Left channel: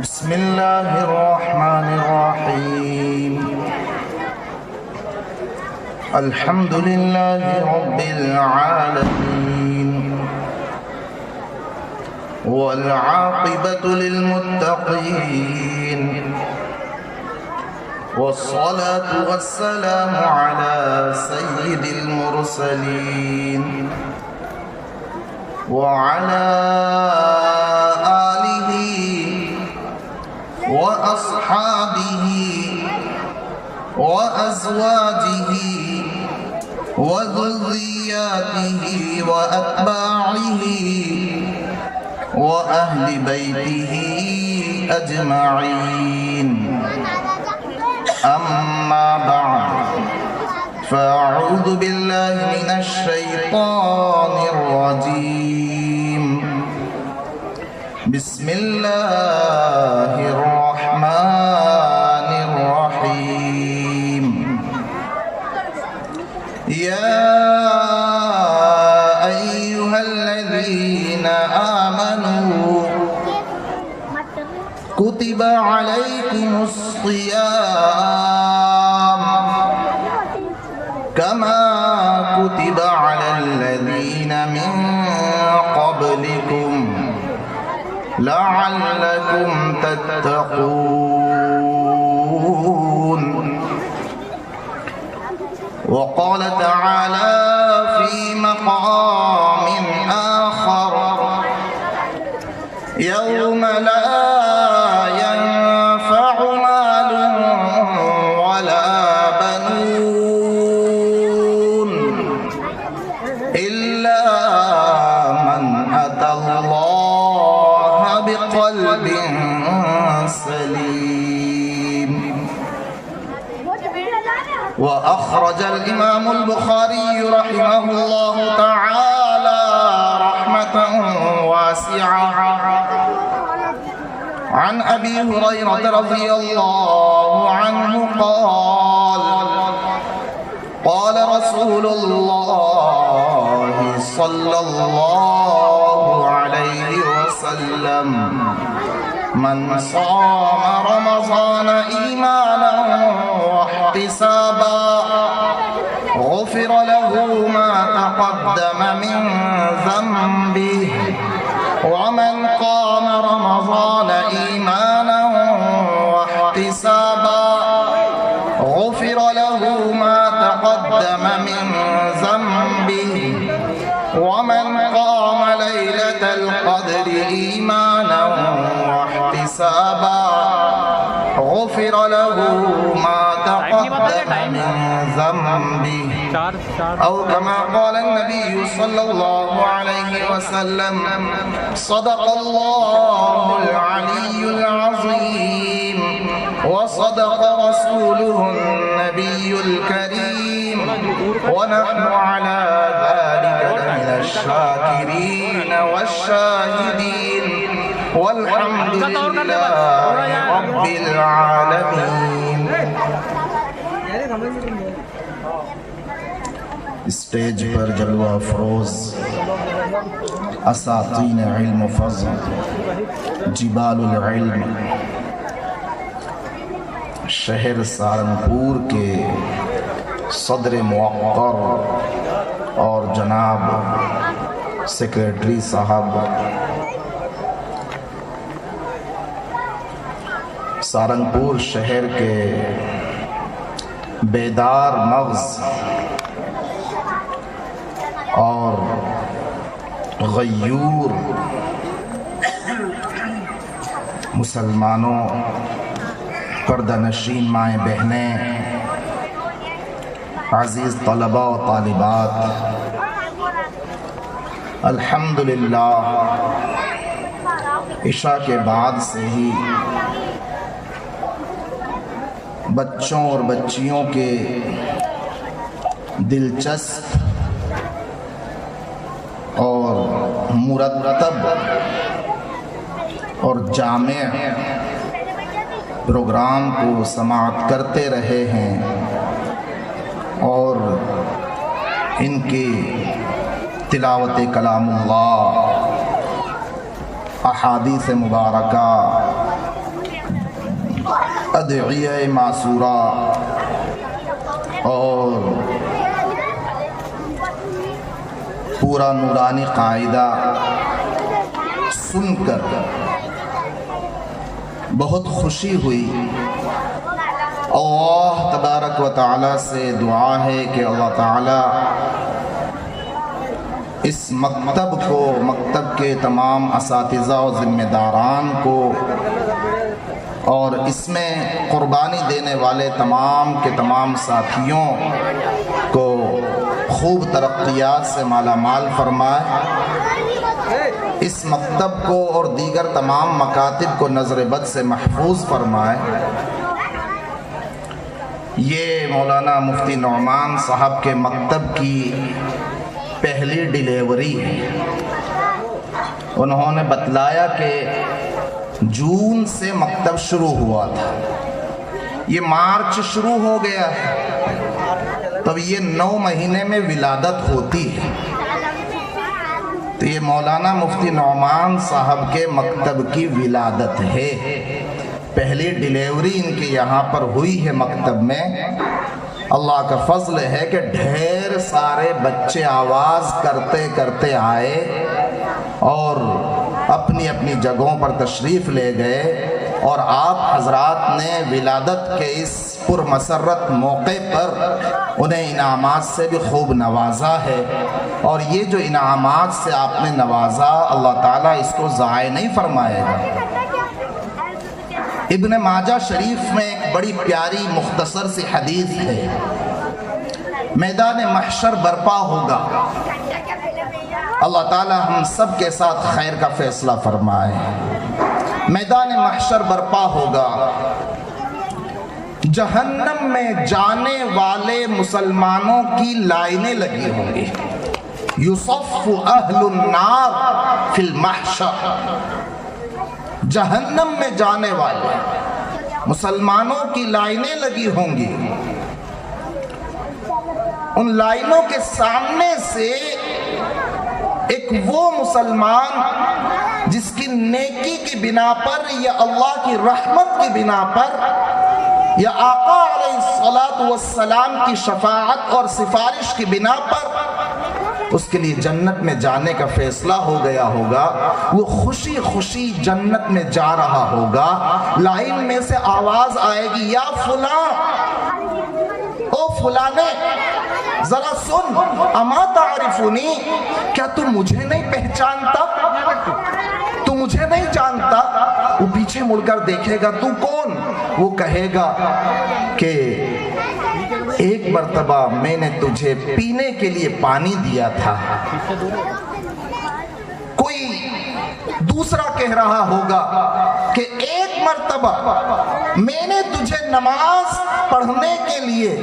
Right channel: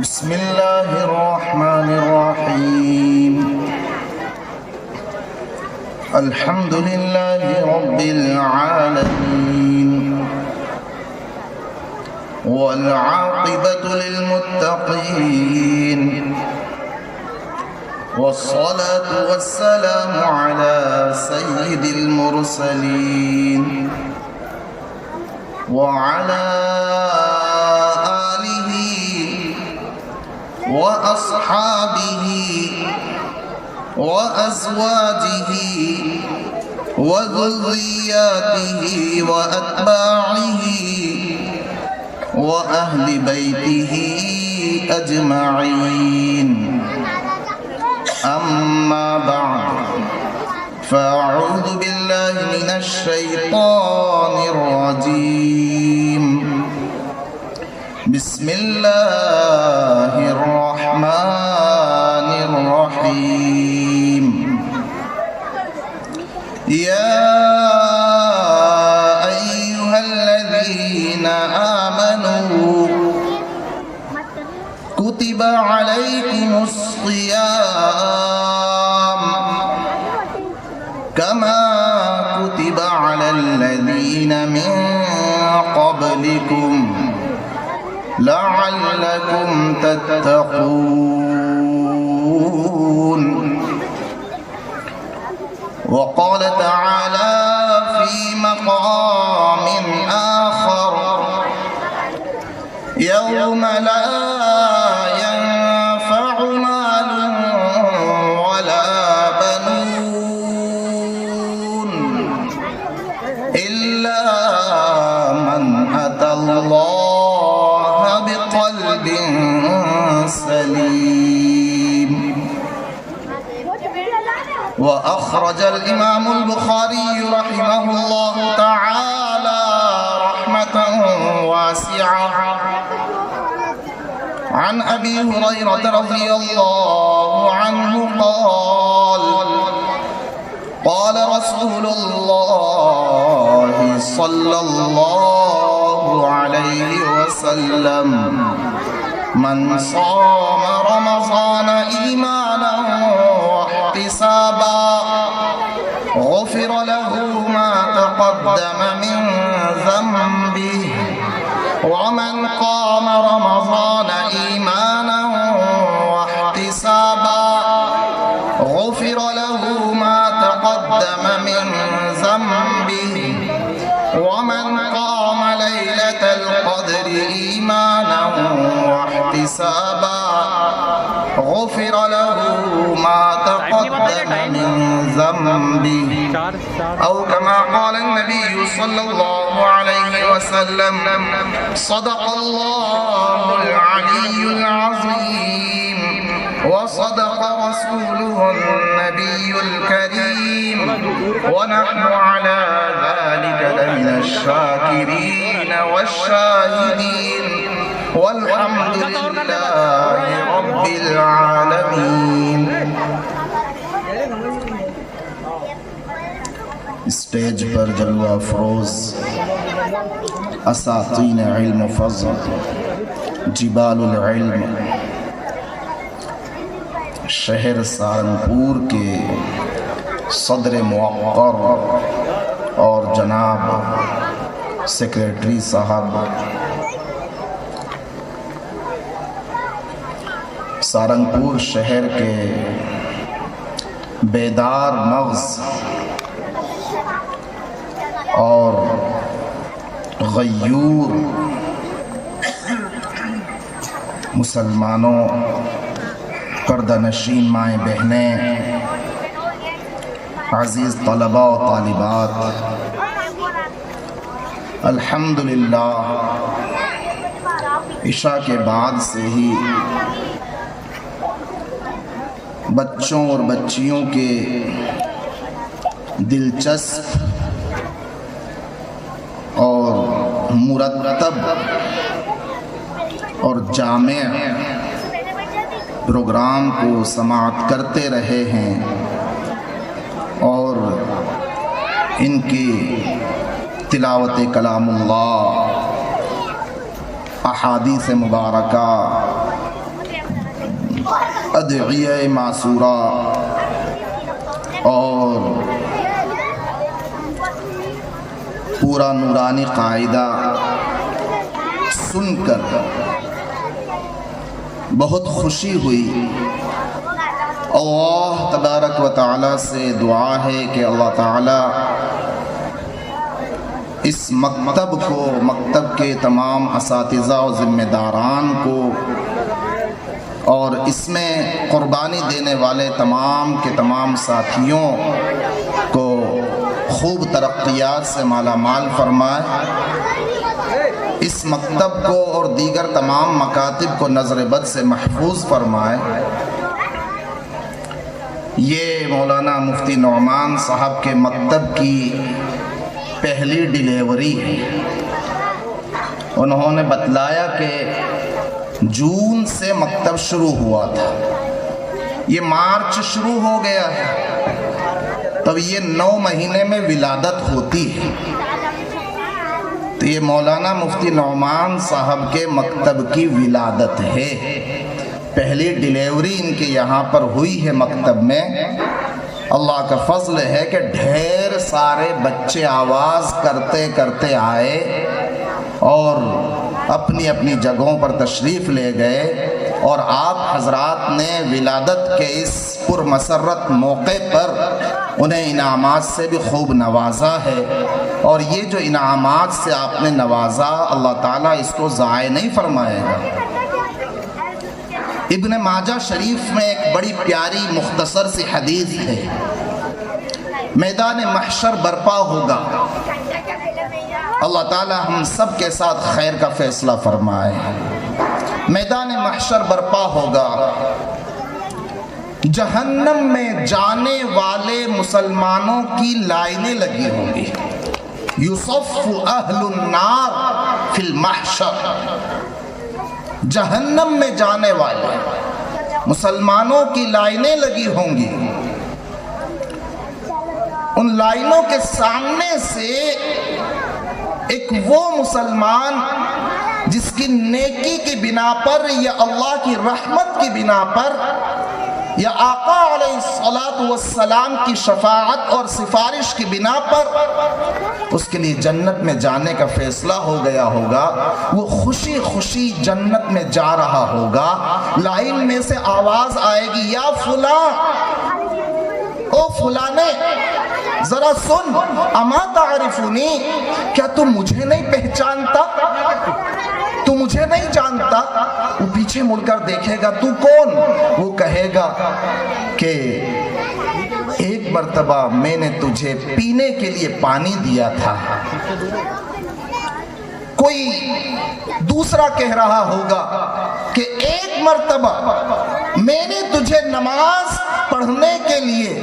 بسم الله الرحمن الرحيم الحمد لله رب العالمين والعاقبة للمتقين والصلاة والسلام على سيد المرسلين وعلى آله وأصحابه وأزواجه وذرياته وأتباعه وأهل بيته أجمعين أما بعد فأعوذ بالله من الشيطان الرجيم بسم الله الرحمن الرحيم يا أيها الذين آمنوا كتب عليكم الصيام كما كتب على الذين من قبلكم لعلكم تتقون وقال تعالى في مقام آخر يوم لا ينفع مال ولا بنون إلا من أتى الله بقلب سليم. وأخرج الإمام البخاري رحمه الله تعالى رحمة واسعة عن أبي هريرة رضي الله عنه قال قال رسول الله صلى الله عليه وسلم من صام رمضان إيمانا واحتسابا غفر له ما تقدم من ذنبه ومن قام رمضان إيمانا واحتسابا غفر له ما تقدم من ذنبه ومن قام ليلة القدر إيمانا واحتسابا غفر له ما تقدم من ذنبه أو كما قال النبي صلى الله عليه وسلم صدق الله العلي العظيم وصدق رسوله النبي الكريم ونحن على ذلك من الشاكرين والشاهدين والحمد لله رب العالمين. اسٹیج پر جلوہ افروز اساطین علم و فضل جبال العلم شہر سہارنپور کے صدر موقر اور جناب سیکریٹری صاحب سہارنپور شہر کے بیدار مغز اور غیور مسلمانوں، پردہ نشین مائیں بہنیں، عزیز طلباء و طالبات، الحمدللہ عشاء کے بعد سے ہی بچوں اور بچیوں کے دلچسپ اور مرتب اور جامع پروگرام کو سماعت کرتے رہے ہیں اور ان کی تلاوت کلام اللہ، احادیث مبارکہ، ادعیہ معصورہ اور پورا نورانی قاعدہ سن کر بہت خوشی ہوئی۔ اللہ تبارک و تعالی سے دعا ہے کہ اللہ تعالی اس مکتب کو، مکتب کے تمام اساتذہ و ذمہ داران کو اور اس میں قربانی دینے والے تمام کے تمام ساتھیوں کو خوب ترقیات سے مالا مال فرمائے، اس مکتب کو اور دیگر تمام مکاتب کو نظر بد سے محفوظ فرمائے۔ یہ مولانا مفتی نعمان صاحب کے مکتب کی پہلی ڈیلیوری ہے۔ انہوں نے بتلایا کہ جون سے مکتب شروع ہوا تھا، یہ مارچ شروع ہو گیا ہے، تو یہ 9 مہینے میں ولادت ہوتی ہے۔ تو یہ مولانا مفتی نعمان صاحب کے مکتب کی ولادت ہے، پہلی ڈیلیوری ان کے یہاں پر ہوئی ہے مکتب میں۔ اللہ کا فضل ہے کہ ڈھیر سارے بچے آواز کرتے کرتے آئے اور اپنی اپنی جگہوں پر تشریف لے گئے، اور آپ حضرات نے ولادت کے اس پرمسرت موقع پر انہیں انعامات سے بھی خوب نوازا ہے، اور یہ جو انعامات سے آپ نے نوازا، اللہ تعالیٰ اس کو ضائع نہیں فرمائے گا۔ ابن ماجہ شریف میں ایک بڑی پیاری مختصر سی حدیث ہے، میدان محشر برپا ہوگا، اللہ تعالی ہم سب کے ساتھ خیر کا فیصلہ فرمائے۔ میدان محشر برپا ہوگا، جہنم میں جانے والے مسلمانوں کی لائنیں لگی ہوں گی، یصف اہل النار فی المحشر، جہنم میں جانے والے مسلمانوں کی لائنیں لگی ہوں گی، ان لائنوں کے سامنے سے ایک وہ مسلمان جس کی نیکی کی بنا پر یا اللہ کی رحمت کی بنا پر یا آقا علیہ السلام کی شفاعت اور سفارش کی بنا پر اس کے لیے جنت میں جانے کا فیصلہ ہو گیا ہوگا، وہ خوشی خوشی جنت میں جا رہا ہوگا، لائن میں سے آواز آئے گی، یا فلاں، او فلانے، ذرا سن، اما تعرفنی، کیا تم مجھے نہیں پہچانتا؟ تو مجھے نہیں جانتا؟ وہ پیچھے مڑ کر دیکھے گا، تو کون؟ وہ کہے گا کہ ایک مرتبہ میں نے تجھے پینے کے لیے پانی دیا تھا۔ کوئی دوسرا کہہ رہا ہوگا کہ ایک مرتبہ میں نے تجھے نماز پڑھنے کے لیے،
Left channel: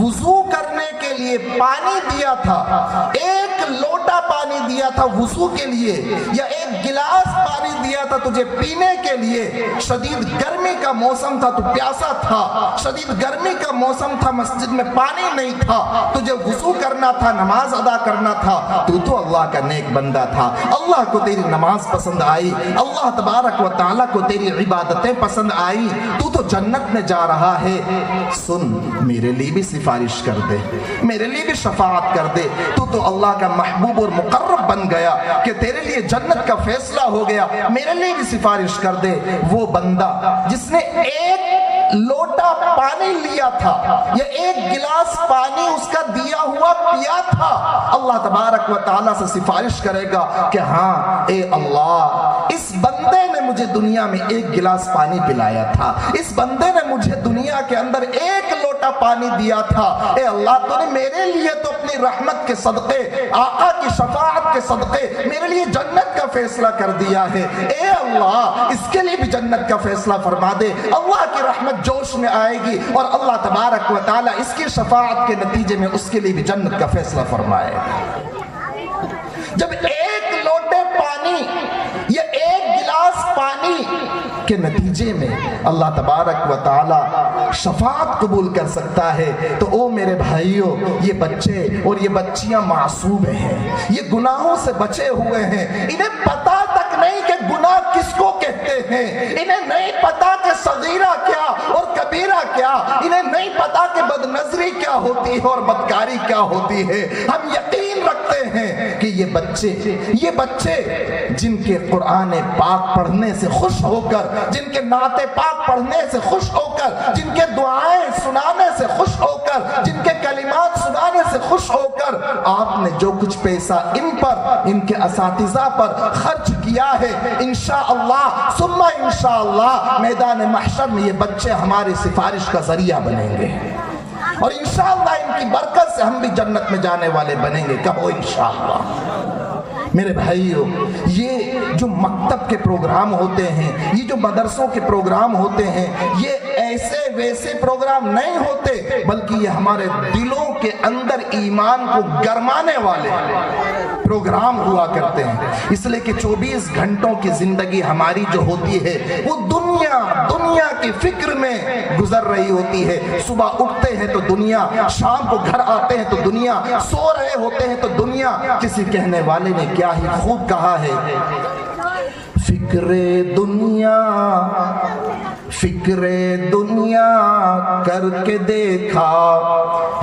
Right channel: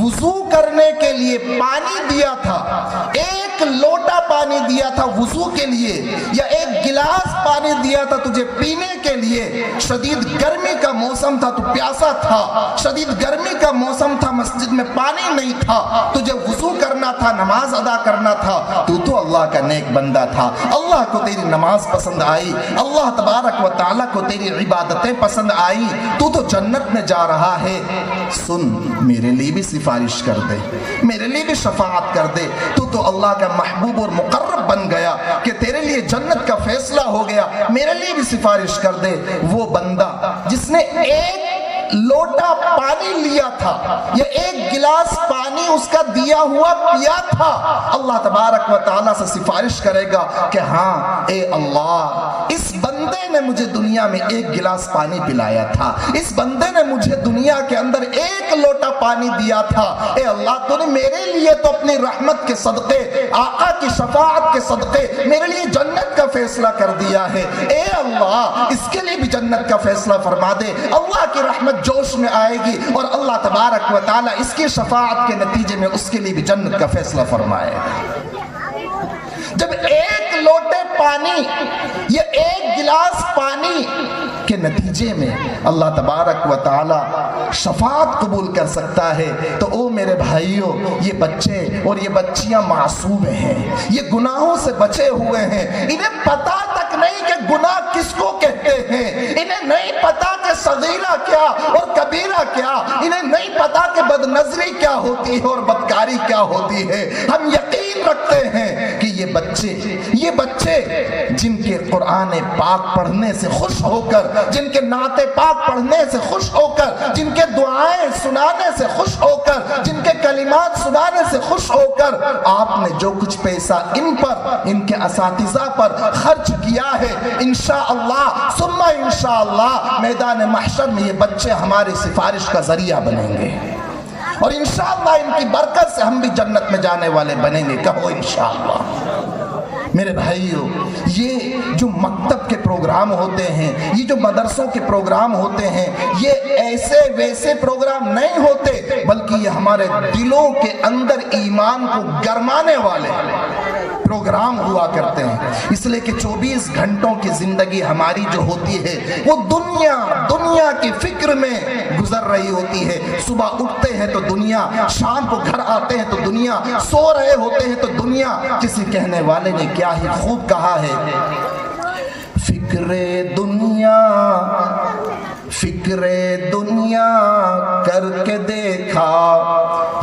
وضو کرنے کے لیے پانی دیا تھا، ایک لوٹا پانی دیا تھا وضو کے لیے، یا ایک گلاس پانی دیا تھا تجھے پینے کے لیے، شدید گرمی کا موسم تھا، تو پیاسا تھا، شدید گرمی کا موسم تھا، مسجد میں پانی نہیں تھا، تجھے وضو کرنا تھا، نماز ادا کرنا تھا، تو اللہ کا نیک بندہ تھا، اللہ کو تیری نماز پسند آئی، اللہ تبارک و تعالیٰ کو تیری عبادتیں پسند آئی، تو جنت میں جا رہا ہے، سن، میرے لیے بھی سفارش کر دے، میرے لیے بھی شفاعت کر دے، تو اللہ کا محبوب اور مقرب بن گیا کہ تیرے لیے جنت کا فیصلہ ہو گیا، میرے لیے بھی سفارش کر دے۔ دے وہ بندہ جس نے ایک لوٹا پانی لیا تھا یا ایک گلاس پانی اس کا دیا ہوا پیا تھا، اللہ تبارک و تعالیٰ سے سفارش کرے گا کہ ہاں اے اللہ، اس بندے نے مجھے دنیا میں ایک گلاس پانی پلایا تھا، اس بندے نے مجھے دنیا کے اندر ایک لوٹا پانی دیا تھا، اے اللہ تو نے میرے لیے تو اپنی رحمت کے صدقے، آقا کی شفاعت کے صدقے میرے لیے جنت کا فیصلہ کر دیا ہے، اے اللہ اس کے لیے بھی جنت کا فیصلہ فرما دے۔ اللہ کی رحمت جوش میں آئے گی اور اللہ تبارک و تعالیٰ اس کی شفاعت کے نتیجے میں اس کے لیے بھی جنت کا فیصلہ فرمائے گا۔ جب ایک لوٹے پانی یا ایک گلاس پانی کے نتیجے میں اللہ تبارک و تعالیٰ شفاعت قبول کر سکتا ہے تو او میرے بھائیوں، یہ بچے اور یہ بچیاں معصوم ہیں، یہ گناہوں سے بچے ہوئے ہیں، انہیں پتہ تک نہیں کہ گناہ کس کو کہتے ہیں، انہیں نہیں پتا کہ صغیرہ کیا اور کبیرہ کیا، انہیں نہیں پتا کہ بد نظری کیا ہوتی ہے اور بدکاری کیا ہوتی ہے۔ ہم یقین رکھتے ہیں کہ یہ بچے جن کے قرآن پاک پڑھنے سے خوش ہو کر، جن کے نعت پاک پڑھنے سے خوش ہو کر، جن کے دعائیں سنانے سے خوش ہو کر، جن کے کلمات سنانے سے خوش ہو کر آپ نے جو کچھ پیسہ ان پر، ان کے اساتذہ پر خرچ کیا ہے، انشاءاللہ ثم انشاءاللہ میدان محشر میں یہ بچے ہماری سفارش کا ذریعہ بنیں گے اور انشاءاللہ ان کی برکت سے ہم بھی جنت میں جانے والے بنیں گے، کہو انشاءاللہ۔ میرے بھائیو، یہ جو مکتب کے پروگرام ہوتے ہیں، یہ جو مدرسوں کے پروگرام ہوتے ہیں، یہ ایسے ویسے پروگرام نہیں ہوتے، بلکہ یہ ہمارے دلوں کے اندر ایمان کو گرمانے والے پروگرام ہوا کرتے ہیں، اس لیے کہ 24 گھنٹوں کی زندگی ہماری جو ہوتی ہے وہ دنیا کی فکر میں گزر رہی ہوتی ہے۔ صبح اٹھتے ہیں تو دنیا، شام کو گھر آتے ہیں تو دنیا، سو رہے ہوتے ہیں تو دنیا۔ کسی کہنے والے نے کیا ہی خوب کہا ہے، فکر دنیا کر کے دیکھا،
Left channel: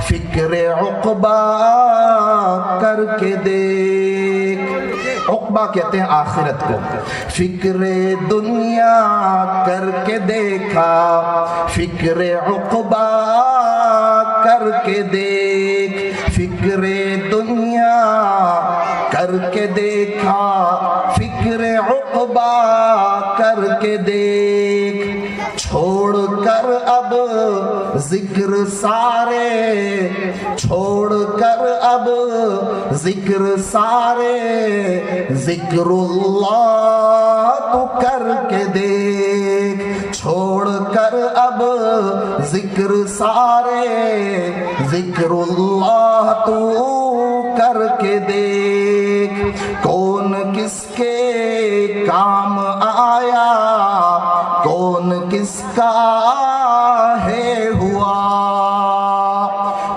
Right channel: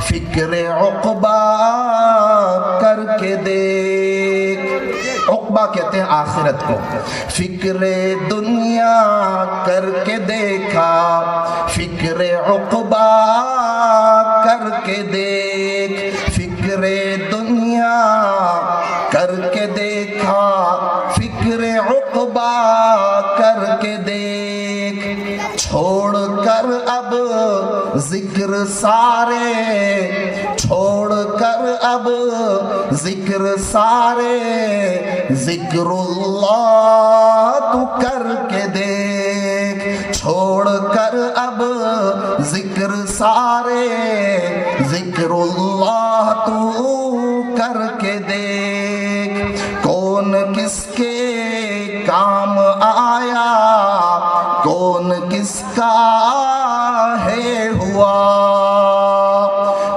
فکر عقبہ کر کے دیکھ۔ عقبہ کہتے ہیں آخرت کو۔ فکر دنیا کر کے دیکھا، فکر عقبہ کر کے دیکھ، فکر دنیا کر کے دیکھا، فکر عقبہ کر کے دیکھ، چھوڑ کر اب ذکر سارے، چھوڑ کر اب ذکر سارے، ذکر اللہ تو کر کے دیکھ، چھوڑ کر اب ذکر سارے، ذکر اللہ تو کر کے دیکھ، کون کس کے کام آیا، کون کس کا ہے ہوا،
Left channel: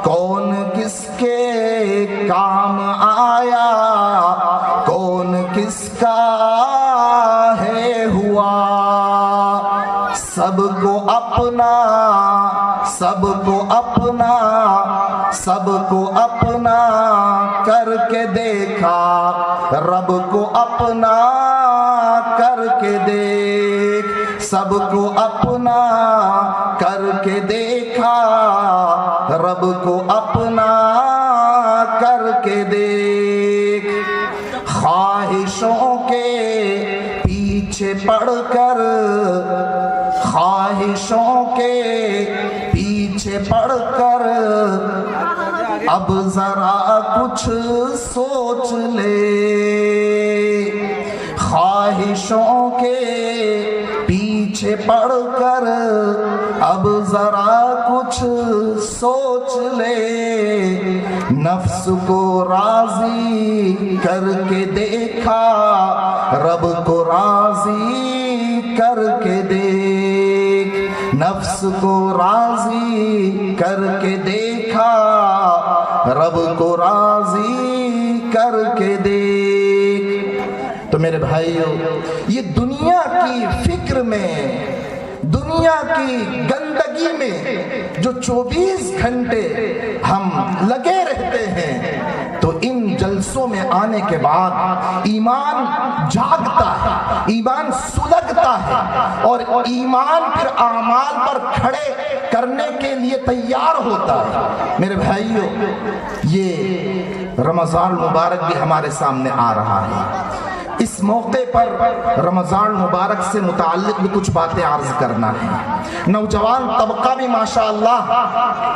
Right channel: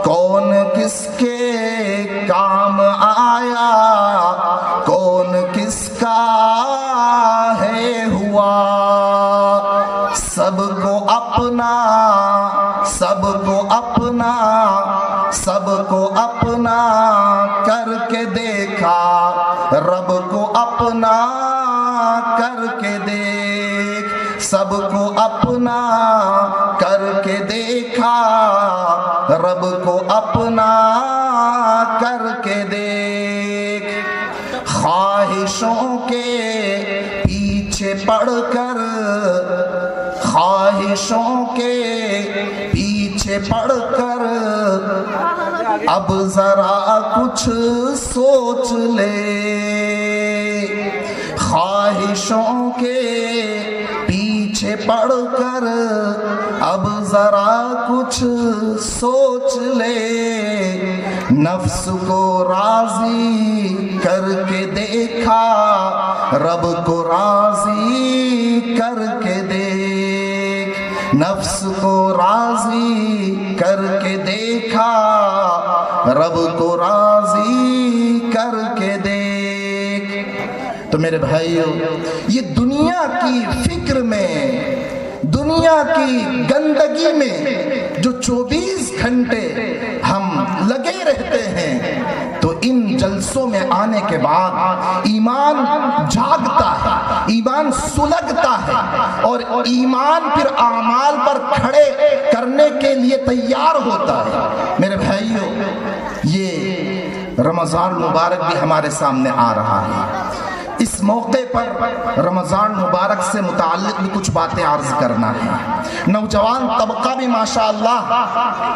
کون کس کے کام آیا، کون کس کا ہے ہوا، سب کو اپنا، سب کو اپنا، سب کو اپنا کر کے دیکھا، رب کو اپنا کر کے دیکھ، سب کو اپنا کر کے دیکھا، رب کو اپنا کر کے دیکھ، خواہشوں کے پیچھے پڑ کر، خواہشوں کے پیچھے پڑ کر اب ذرا کچھ سوچ لے، خواہشوں کے پیچھے پڑ کر اب ذرا کچھ سوچ لے، نفس کو راضی کر کے دیکھا، رب کو راضی کر کے دیکھ، نفس کو راضی کر کے دیکھا، رب کو راضی کر کے دیکھ۔ تو میرے بھائیو، یہ دنیا کی فکر میں، دنیا کی گندگی میں جو 24 گھنٹے ہم لگے رہتے ہیں، تو ان جلسوں میں آنے کے بعد ایمان جاگتا ہے، ایمان سلگتا ہے اور ایمان پھر اعمال پر کھڑے کرنے کے لیے تیار ہوتا ہے۔ میرے بھائیو، یہ رمضان مبارک بھی ہمارے سامنے آ رہا ہے۔ اس موقع پر رمضان مبارک سے متعلق بھی کچھ باتیں عرض کرنا ہے۔ نوجوان طبقہ بھی ماشاءاللہ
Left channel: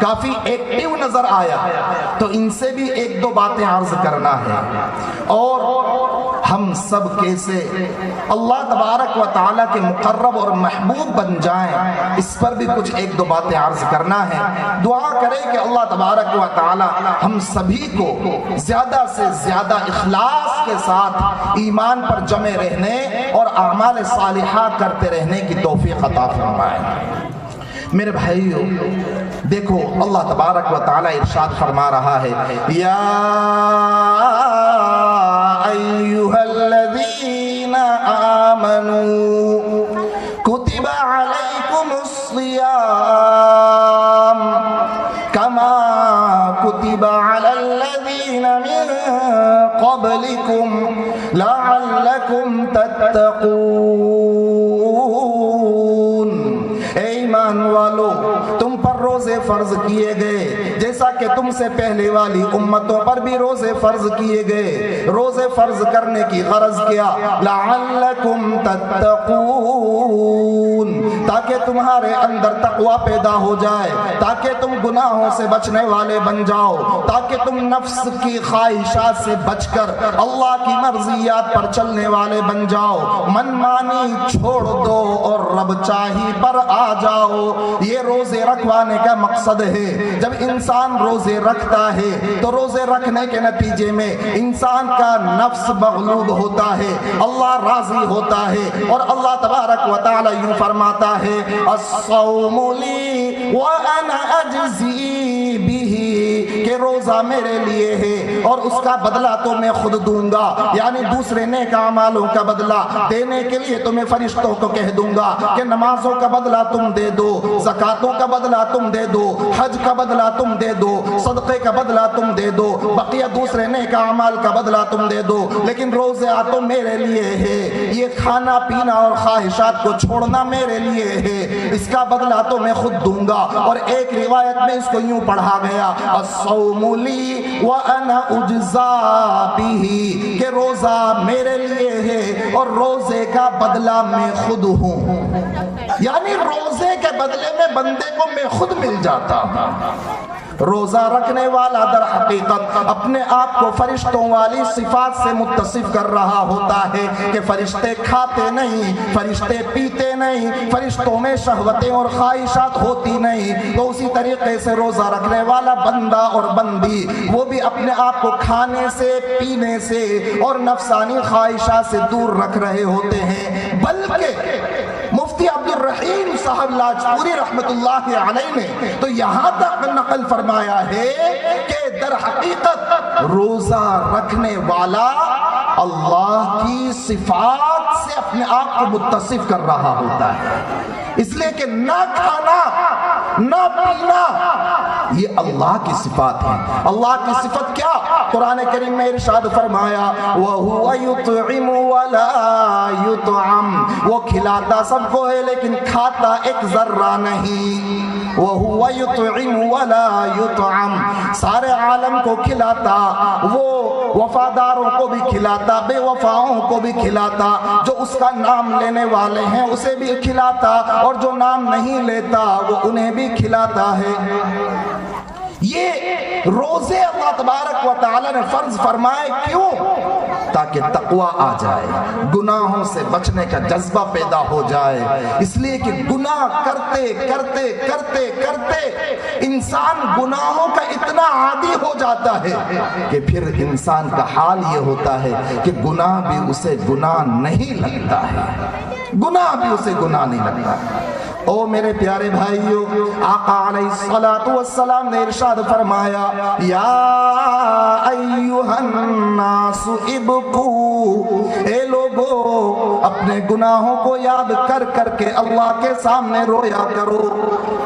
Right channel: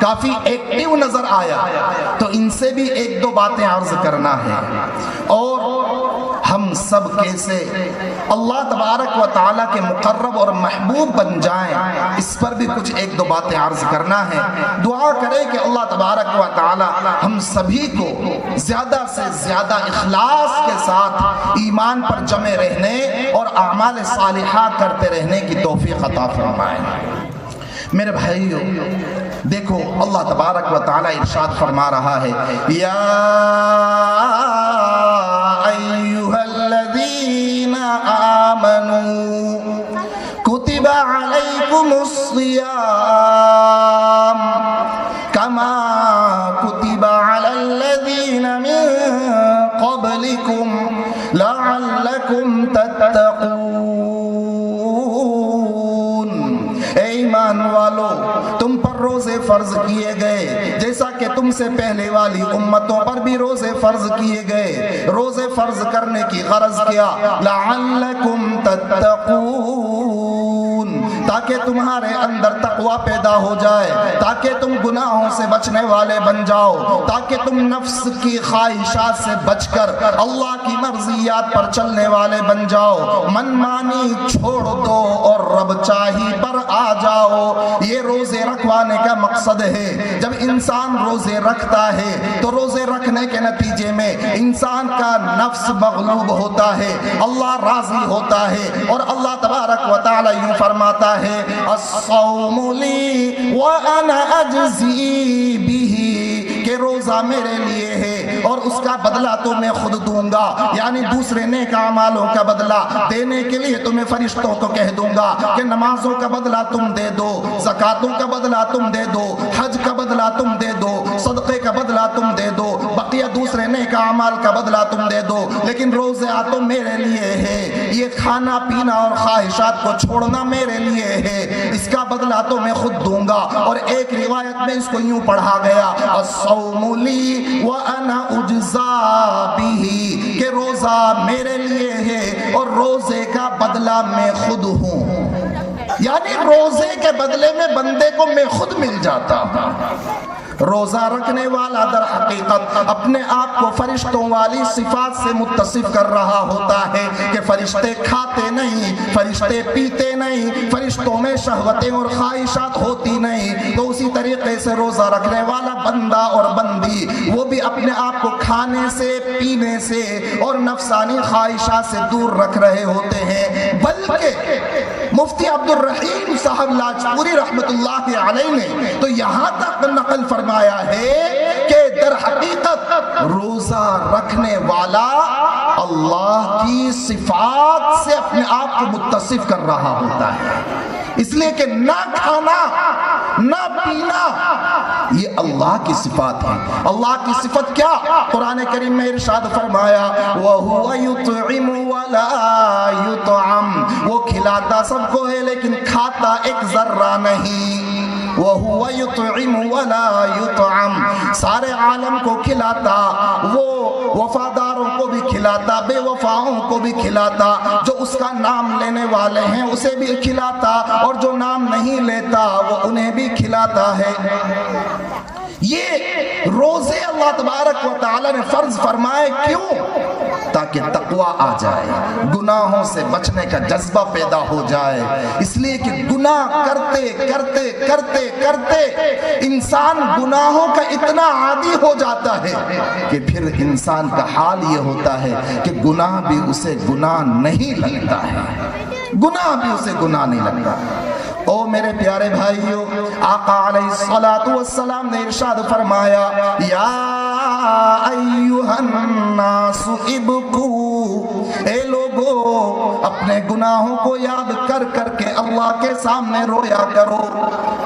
کافی ایکٹیو نظر آیا، تو ان سے بھی ایک دو باتیں عرض کرنا ہے، اور ہم سب کیسے اللہ تبارک و تعالیٰ کے مقرب اور محبوب بن جائیں، اس پر بھی کچھ ایک دو باتیں عرض کرنا ہے۔ دعا کرے کہ اللہ تبارک و تعالیٰ ہم سبھی کو زیادہ سے زیادہ اخلاص کے ساتھ ایمان پر جمے رہنے اور اعمال صالحہ کرتے رہنے کی توفیق عطا فرمائے۔ میرے بھائیو، دیکھو اللہ تبارک و تعالیٰ ارشاد فرما رہا ہے، یا ایھا الذین آمنوا کتب علیکم الصیام کما کتب علی الذین من قبلکم لعلکم تتقون۔ اے ایمان والو، تم پر روزے فرض کیے گئے جیسا کہ تم سے پہلے والی امتوں پر بھی روزے فرض کیے گئے۔ روزے فرض کرنے کی غرض کیا؟ لعلکم تتقون، تاکہ تمہارے اندر تقوی پیدا ہو جائے، تاکہ تم گناہوں سے بچنے والے بن جاؤ، تاکہ تم نفس کی خواہشات سے بچ کر اللہ کی مرضیات پر چلنے والے بن جاؤ، من مانی چھوڑ دو اور رب چاہی پر آ جاؤ۔ یہ روزے رکھوانے کا مقصد ہے۔ جب انسان روزے رکھتا ہے تو روزے رکھنے کے نتیجے میں انسان کا نفس مغلوب ہوتا ہے، اللہ راضی ہوتا ہے، اور اللہ تبارک و تعالی یوں فرماتا ہے، الصوم لی وانا اجزی بہ، کہ روزہ میرے لیے ہے اور اس کا بدلہ تو میں خود دوں گا، یعنی دوسرے نیک اعمالوں کا بدلہ دینے کے لیے تو میں فرشتوں کو کہہ دوں گا کہ نمازوں کا بدلہ تم دے دو، زکاتوں کا بدلہ تم دے دو، حج کا بدلہ تم دے دو، صدقے کا بدلہ تم دے دو، بقیہ دوسرے نیک اعمال کا بدلہ تم دے دو، لیکن روزہ تو میرے لیے ہے، یہ کھانا پینا اور خواہشات کو چھوڑنا میرے لیے ہے، اس کا بدلہ تو میں خود دوں گا۔ اور ایک روایت میں اس کو یوں پڑھا گیا، الصوم لی وانا اجزا بہ، کہ روزہ میرے لیے ہے اور روزے کا بدلہ میں خود ہوں، یعنی روزے کے بدلے میں بندے کو میں خود مل جاتا ہوں۔ روزہ رکھنے والا در حقیقت اپنے آپ کو فرشتوں والی صفات سے متصف کر رہا ہوتا ہے کہ فرشتے کھاتے نہیں، فرشتے پیتے نہیں، فرشتوں میں شہوتیں اور خواہشات ہوتی نہیں، تو اسی طریقے سے روزہ رکھنے والا بندہ اور بندی وہ بھی اپنے آپ کو کھانے سے، پینے سے اور نفسانی خواہشات سے دور رکھ رہے ہوتے ہیں۔ بلکہ مفتی عبد الرحیم صاحب لاجپوری رحمت اللہ علیہ نے تو یہاں تک نقل فرمایا ہے کہ در حقیقت روزہ رکھنے والا اللہ کی صفات سے اپنے آپ کو متصف کر رہا ہوتا ہے، اس لیے کہ نہ کھانا نہ پینا یہ اللہ کی صفات ہے۔ اللہ کی صفت کیا؟ قرآن کریم میں ارشاد فرمایا، وَهُوَ يُطْعِمُ وَلَا يُطْعَمُ، وہ کھلاتا سب کو ہے لیکن کھاتا ایک ذرہ نہیں۔ وَهُوَ يُطْعِمُ وَلَا يُطْعَمُ، سارے عالم کو کھلاتا، وہ وفاداروں کو بھی کھلاتا، بے وفاؤں کو بھی کھلاتا، جو اس کا نام لینے والے ہیں اسے بھی کھلاتا، اور جو نام نہیں لیتا وہ انہیں بھی کھلاتا ہے۔ یہ روزے اللہ تبارک و تعالی نے فرض فرمائے، کیوں؟ تاکہ تقوی آ جائے، گناہوں سے بچنے کا جذبہ پیدا ہو جائے، اس لیے کہ گناہ کرتے کرتے کرتے کرتے انسان گناہوں کا اتنا عادی ہو جاتا ہے کہ پھر انسان کا حال یہ ہوتا ہے کہ گناہ بھی اسے گناہ نہیں لگتا ہے، گناہ بھی اسے گناہ نہیں لگتا۔ او میرے پیارے بھائیو، آقا علیہ الصلوۃ والسلام نے ارشاد فرمایا، یا ایھا الناس ابکوا، اے لوگو اپنے گناہوں کو یاد کر کر کے اللہ کے سامنے رویا کرو۔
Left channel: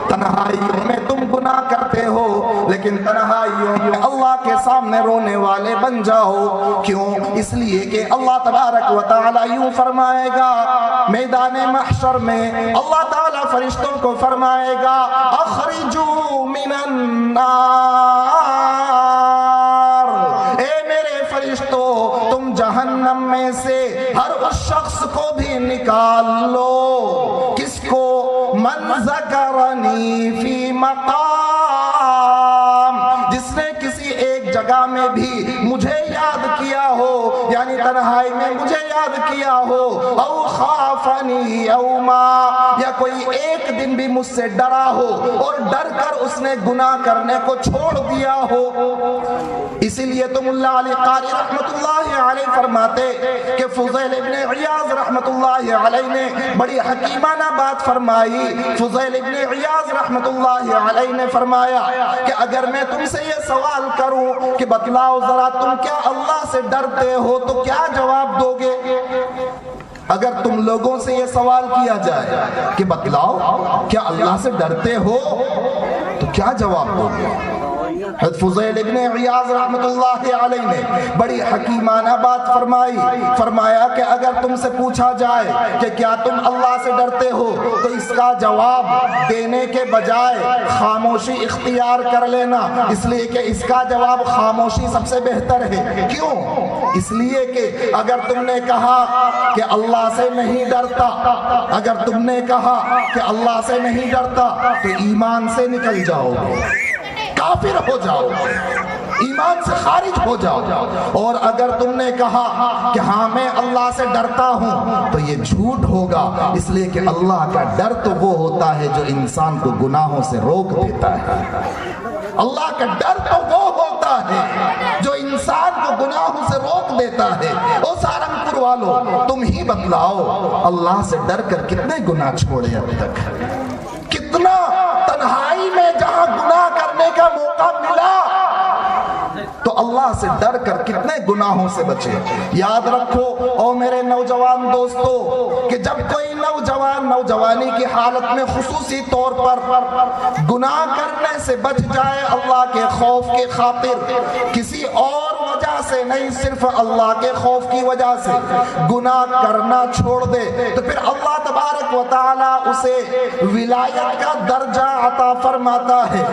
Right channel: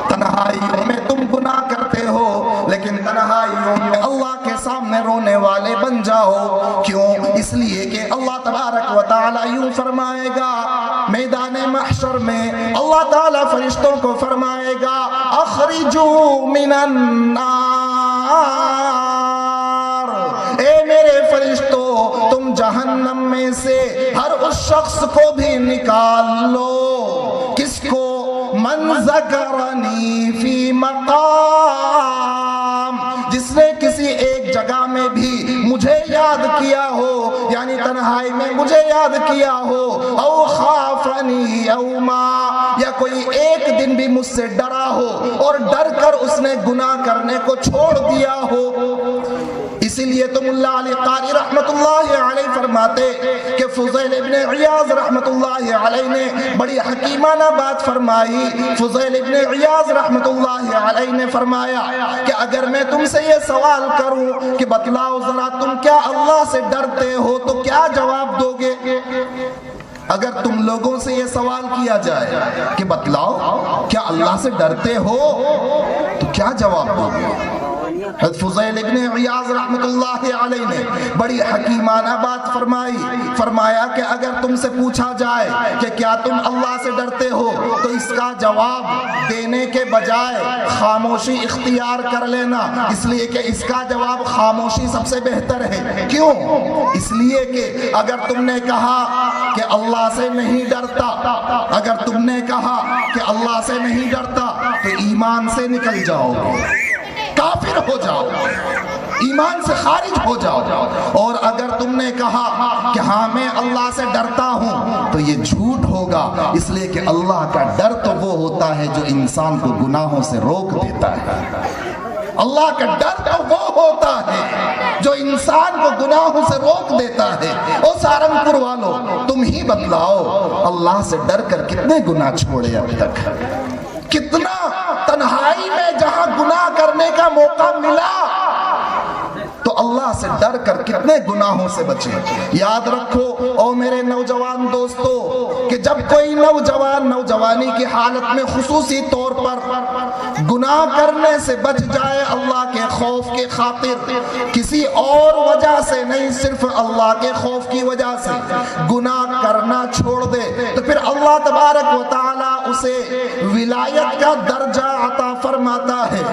تنہائیوں میں تم گناہ کرتے ہو لیکن تنہائیوں میں اللہ کے سامنے رونے والے بن جاؤ. کیوں؟ اس لیے کہ اللہ تبارک و تعالی یوں فرمائے گا میدان محشر میں، اللہ تعالی فرشتوں کو فرمائے گا اخرجوا من النار، اے میرے فرشتوں تم جہنم میں سے ہر اس شخص کو بھی نکال لو. کس کو؟ من ذکرنی فی مقام، جس نے کسی ایک جگہ میں بھی مجھے یاد کیا ہو، یعنی تنہائی میں مجھے یاد کیا ہو، او خافنی یوما، یا کوئی ایک دن بھی مجھ سے ڈرا ہو اور ڈر کر اس نے گناہ کرنے کو چھوڑ دیا ہو. اسی لیے تو ملا علی قاری رحمت اللہ علیہ فرماتے کہ فضیل ابن عیاض رحمت اللہ علیہ نے بڑی حکیمانہ بات فرمائی. فضیل ابن عیاض رحمت اللہ علیہ نے فرمایا کہ اگر میں تم سے یہ سوال کروں کہ بتلاؤ ذرا تم کیا اللہ سے ڈرتے ہو تو کیا جواب دو گے؟ اگر تم لوگوں سے یہ سوال کیا جائے کہ بتلاؤ کیا اللہ سے ڈرتے ہو تو کیا جواب دو گے؟ فضیل ابن عیاض رحمت اللہ علیہ نے بڑی حکیمانہ بات فرمائی. فرمایا کہ اگر تم سے پوچھا جائے کہ کیا تم اللہ سے ڈرتے ہو تو اس کا جواب دینے کے بجائے خاموشی اختیار کر لینا، اس لیے کہ اس کا جواب خاموشی سب سے بہتر ہے. کیوں؟ اس لیے کہ اگر تم نے کہا کہ اللہ سے نہیں ڈرتا، اگر تم نے کہا کہ اللہ سے نہیں ڈرتا تو ایمان سے نکل جاؤ گے، کافر ہو جاؤ، ایمان سے خارج ہو جاؤ. اور اگر تم نے کہا کہ ہاں میں اللہ سے ڈرتا ہوں تو یہ جھوٹ ہوگا، اس لیے کہ اللہ کا ڈر تو وہ ہوتا ہے جو انسان کو گناہوں سے روک دیتا ہے. اللہ کا ڈر تو وہ ہوتا ہے جو انسان کو گناہوں سے روک دیتا ہے. او سہارنپور والوں تم ہی بتلاؤ اللہ سے ڈر کر کتنے گناہ چھوڑے اب تک؟ کتنا تنہائی میں جہاں گناہ کرنے کا موقع ملا تو اللہ سے ڈر کر کتنے گناہوں سے بچے. یاد رکھو او میرے نوجوان دوستو کہ جب کوئی نوجوان نوجوانی کی حالت میں خصوصی طور پر گناہ کرنے سے بچ جائے اللہ کے خوف کے خاطر، کسی اور وجہ سے نہیں، صرف اللہ کے خوف کی وجہ سے گناہ کرنا چھوڑ دے تو پھر اللہ تبارک و تعالی اسے ولایت کا درجہ عطا فرماتا ہے.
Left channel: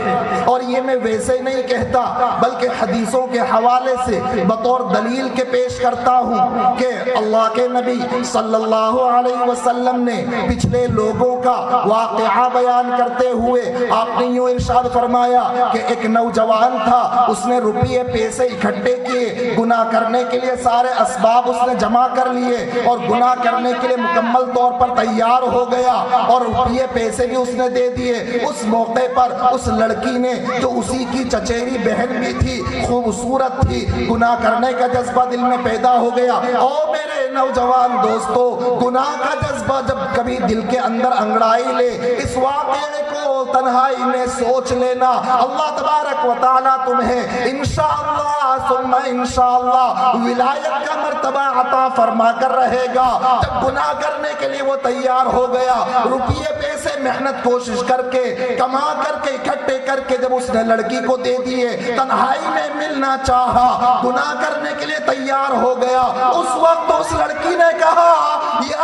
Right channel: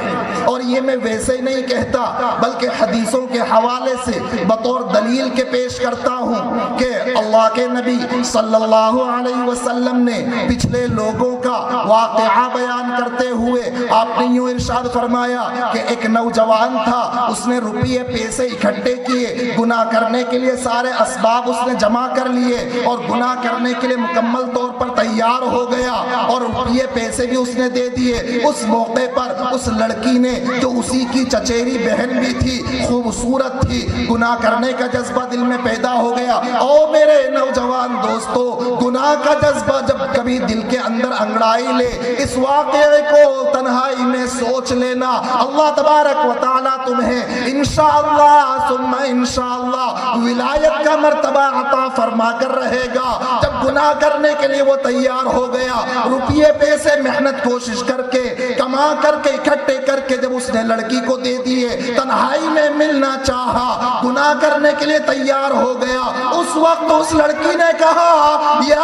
اور یہ میں ویسے نہیں کہتا بلکہ حدیثوں کے حوالے سے بطور دلیل کے پیش کرتا ہوں کہ اللہ کے نبی صلی اللہ علیہ وسلم نے پچھلے لوگوں کا واقعہ بیان کرتے ہوئے آپ نے یوں ارشاد فرمایا کہ ایک نوجوان تھا، اس نے روپیے پیسے اکٹھے کیے، گناہ کرنے کے لیے سارے اسباب اس نے جمع کر لیے اور گناہ کرنے کے لیے مکمل طور پر تیار ہو گیا اور روپیے پیسے بھی اس نے دے دیے. اس موقع پر اس لڑکی نے جو اسی کی چچیری بہن بھی تھی، خوبصورت تھی، گناہ کرنے کا جذبہ دل میں پیدا ہو گیا. او میرے نوجوان دوستو، گناہ کا جذبہ جب کبھی دل کے اندر انگڑائی لے، اس واقعے کو تنہائی میں سوچ لینا، اللہ تبارک و تعالیٰ تمہیں انشاءاللہ ثم انشاءاللہ ولایت کا مرتبہ عطا فرما کر رہے گا. جب گناہ کرنے کے لیے وہ تیار ہو گیا، روپیے پیسے محنت کوشش کر کے کما کر کے اکٹھے کر کے جب اس نے لڑکی کو دے دیے، تنہائی میں ملنا چاہا، گناہ کرنے کے لیے تیار ہو گیا، اس وقت اس لڑکی نے کہا یا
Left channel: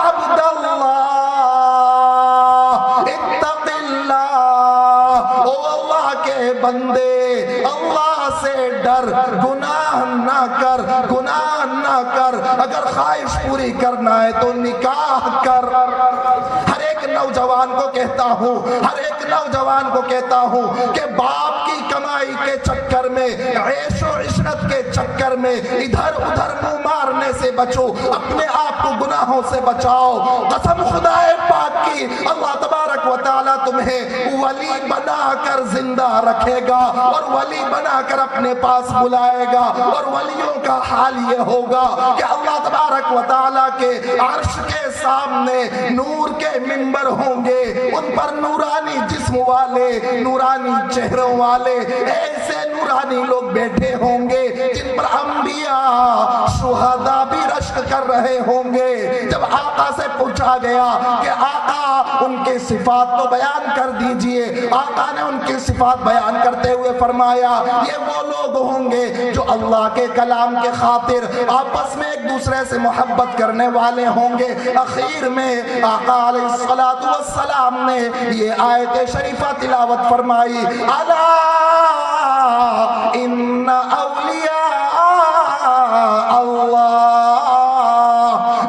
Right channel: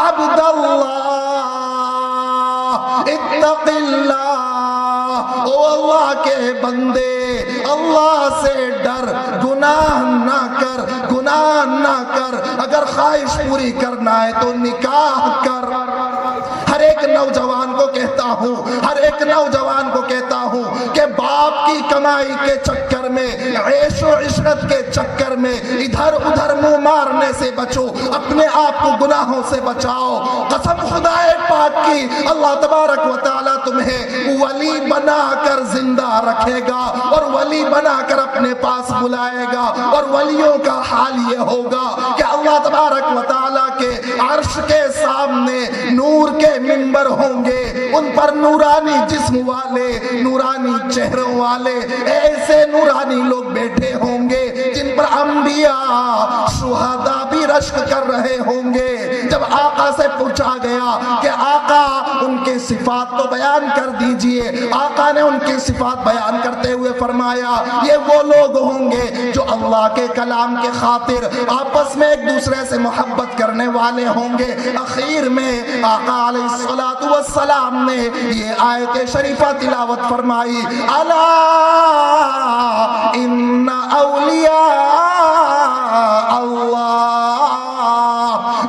عبد اللہ اتق اللہ، او اللہ کے بندے اللہ سے ڈر، گناہ نہ کر، گناہ نہ کر، اگر خواہش پوری کرنا ہے تو نکاح کر. ہر ایک نوجوان کو کہتا ہوں، ہر ایک نوجوان کو کہتا ہوں کہ باپ کی کمائی کے چکر میں، عیش و عشرت کے چکر میں ادھر ادھر منہ مارنے سے بچو، اپنے آپ کو گناہوں سے بچاؤ. قسم خدا پاک کی، اللہ تبارک و تعالیٰ تمہیں ولی بنا کر زندہ رکھے گا اور ولی بنا کر اپنے پاس بلائے گا. اور ولیوں کا حال یہ ہوگا کہ اللہ تبارک و تعالیٰ کے عرش کے سامنے نور کے منبر ہوں گے، ان پر نورانی جسم والے، نورانی چہروں والے ایسے نورانی لوگ بیٹھے ہوں گے جن پر انبیاء شہداء بھی رشک کر رہے ہوں گے. جب آقا سے پوچھا گیا کہ آقا ان کے صفات تو بیان کر دیجئے، آقا نے ان کی صفات بیان کرتے ہوئے فرمایا یہ وہ لوگ دوسرے سے محبت کرنے والے ہوں گے۔ اخیر میں آقا علیہ الصلوۃ والسلام نے یہ آیت شریفہ تلاوت فرمائی، الا ان اولیاء اللہ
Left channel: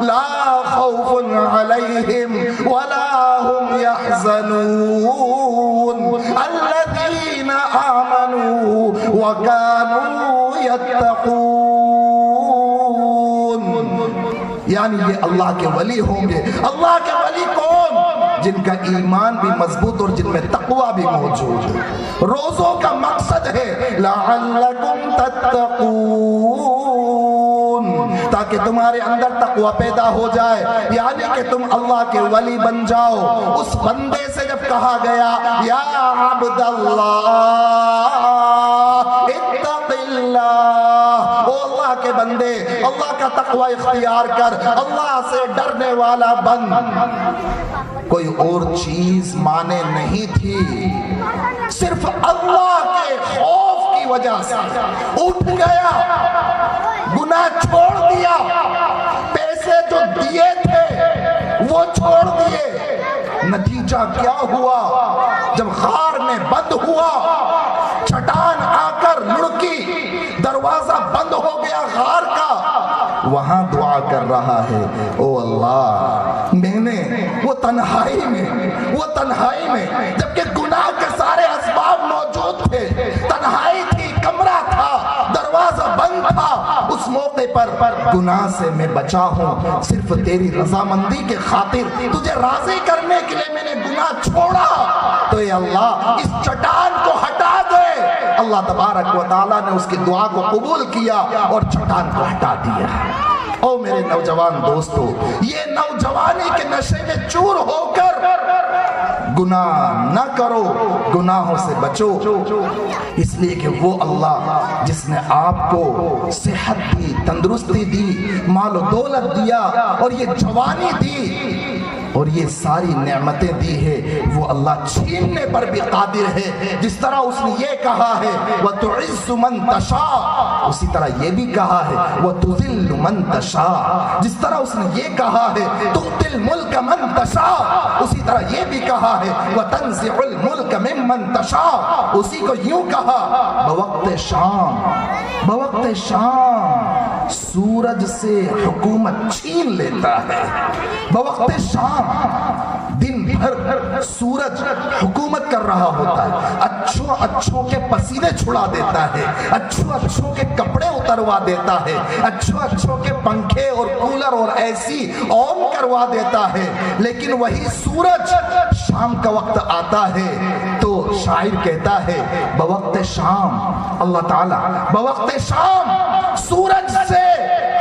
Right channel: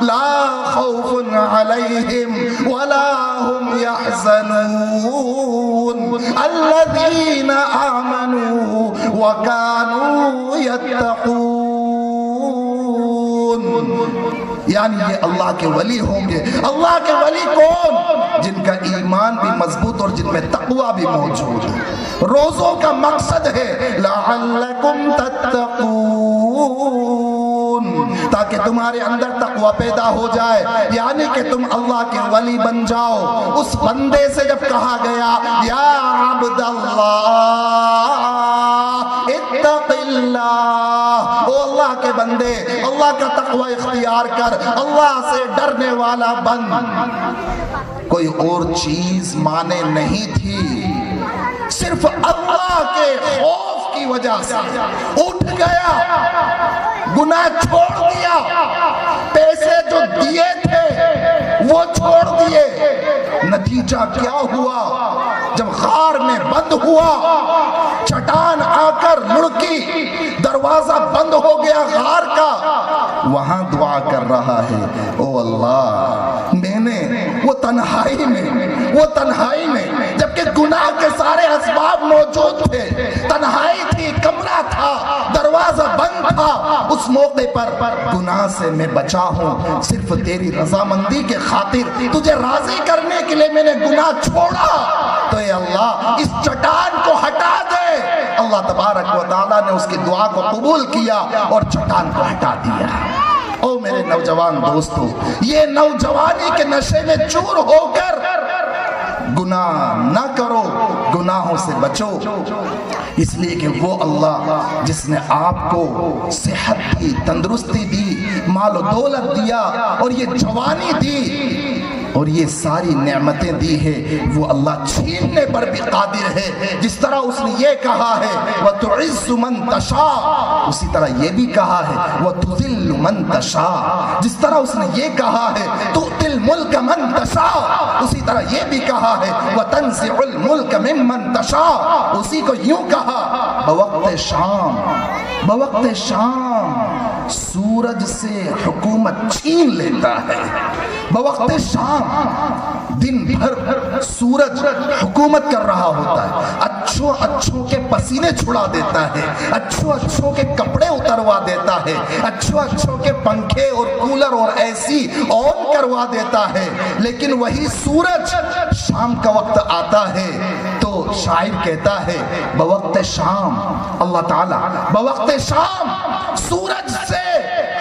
لا خوف علیہم ولا هم يحزنون الذین آمنوا وكانوا يتقون۔ یعنی یہ اللہ کے ولی ہوں گے۔ اللہ کے ولی کون؟ جن کا ایمان بھی مضبوط اور جن میں تقوی بھی موجود ہے۔ روزوں کا مقصد ہے لعلکم تتقون، تاکہ تمہارے اندر تقوی پیدا ہو جائے، یعنی کہ تم اللہ کے ولی بن جاؤ۔ اس بندے سے جب کہا گیا یا عبد اللہ اتق اللہ، او اللہ کے بندے اللہ کا تقوی اختیار کر، اللہ سے ڈرنے والا بن۔ کوئی اور چیز مانے نہیں تھی، صرف اللہ کے خوف کی وجہ سے اٹھ گیا، گناہ چھوڑ دیا، پیسے جو دیے تھے وہ چھوڑ دیے۔ نتیجہ کیا ہوا؟ جب غار میں بند ہوا، چٹان آ کر مڑکی، دروازہ بند ہو گیا غار کا، وہاں دعا کر رہا ہے، او اللہ میں نے وہ تنہائی میں جبکہ گناہ کے سارے اسباب موجود تھے، تنہائی تھی، کمرہ تھا، دروازہ بند تھا، اس موقع پر گناہ سے میں بچا ہوں، صرف تیری رضامندی کے خاطر، تجھے راضی کرنے کے لیے میں نے گناہ چھوڑا، تو اے اللہ اس چٹان کو ہٹا دے۔ اللہ تبارک و تعالیٰ نے اس کی دعا کو قبول کیا اور چٹان کو ہٹا دیا۔ او میرے نوجوان دوستو، یہ نوجوانی کے نشے میں چور ہو کر گناہ نہ کرو، گناہوں سے بچو، اس لیے کہ وہ اللہ جس نے آپ کو صحت دی، تندرستی دی، مال و دولت دیا اور یہ جوانی دی اور یہ ساری نعمتیں دی ہے، وہ اللہ چھیننے پر بھی قادر ہے۔ جس طرح اس نے یہ کہا ہے وَتُعِزُّ مَن تَشَاءُ، اسی طرح یہ بھی کہا ہے وَتُذِلُّ مَن تَشَاءُ، جس طرح اس نے یہ کہا ہے تُؤْتِي الْمُلْكَ مَن تَشَاءُ، اسی طرح یہ بھی کہا ہے وَتَنزِعُ الْمُلْكَ مِمَّن تَشَاءُ، اسی کو یوں کہا بوقت شام سورج سے حکومت چھین لیتا ہے۔ بوقت شام دن بھر سورج حکومت کر رہا ہوتا ہے، اچھوں کے پسینے چھڑا دیتا ہے، اچھوں کے کپڑے اتروا دیتا ہے، اچھوں کے پنکھے اور کولر اور اے سی آن کروا دیتا ہے، لیکن وہی سورج شام کا وقت آتا ہے تو شاعر کہتا ہے بوقت شام، اللہ تعالیٰ بوقت شام سورج سے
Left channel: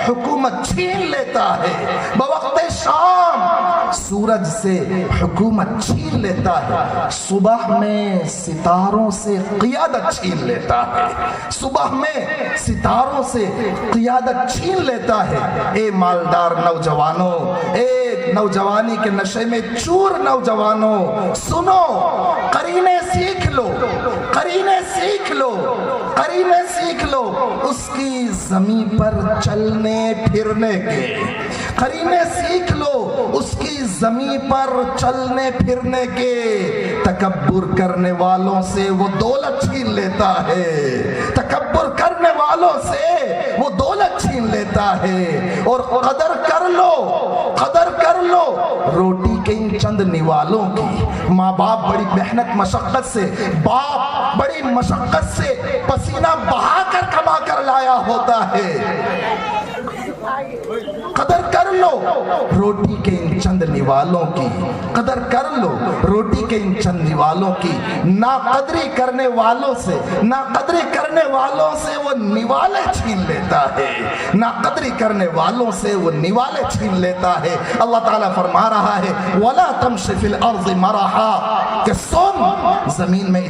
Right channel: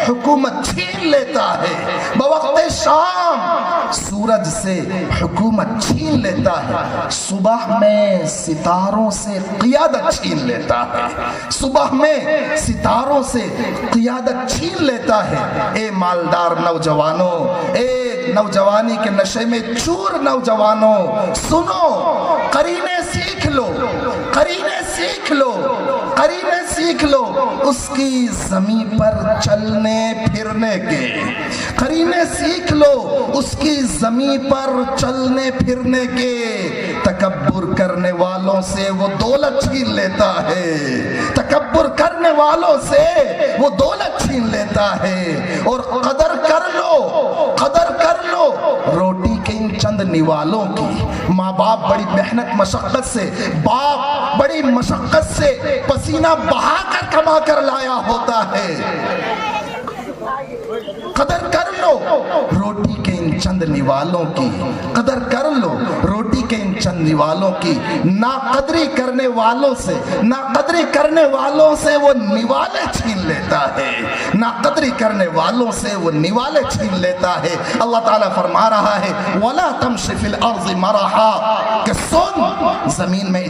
حکومت چھین لیتا ہے، بوقت شام سورج سے حکومت چھین لیتا ہے، صبح میں ستاروں سے قیادت چھین لیتا ہے، صبح میں ستاروں سے قیادت چھین لیتا ہے۔ اے مالدار نوجوانوں، اے نوجوانی کے نشے میں چور نوجوانوں، سنو، قرینے سیکھ لو، قرینے سیکھ لو، قرینے سیکھ لو اس کی زمین پر چلنے پھرنے کے، قرینے سیکھ لو اس کی زمین پر چلنے پھرنے کے۔ تکبر کرنے والوں سے وہ دولت چھین لیتا ہے، تکبر کرنے والوں سے وہ دولت چھین لیتا ہے، اور قدر کر لو روٹی کے ان چند نوالوں کی۔ ماں باپ بڑی محنت مشقت سے، باپ بڑی مشقت سے پسینہ بہا کر کما کر لایا ہوتا ہے، قدر کر لو روٹی کے ان چند نوالوں کی، قدر کر لو روٹی کے ان چند نوالوں کی۔ ناقدری کرنے والوں سے، ناقدری کرنے والوں سے وہ نوالے چھین لیتا ہے، ناقدری کرنے والوں سے وہ نوالے چھین لیتا ہے۔ اللہ تعالیٰ فرما رہا ہے وَلَا تَمْشِ فِي الْأَرْضِ مَرَحًا، کہ سن زمین میں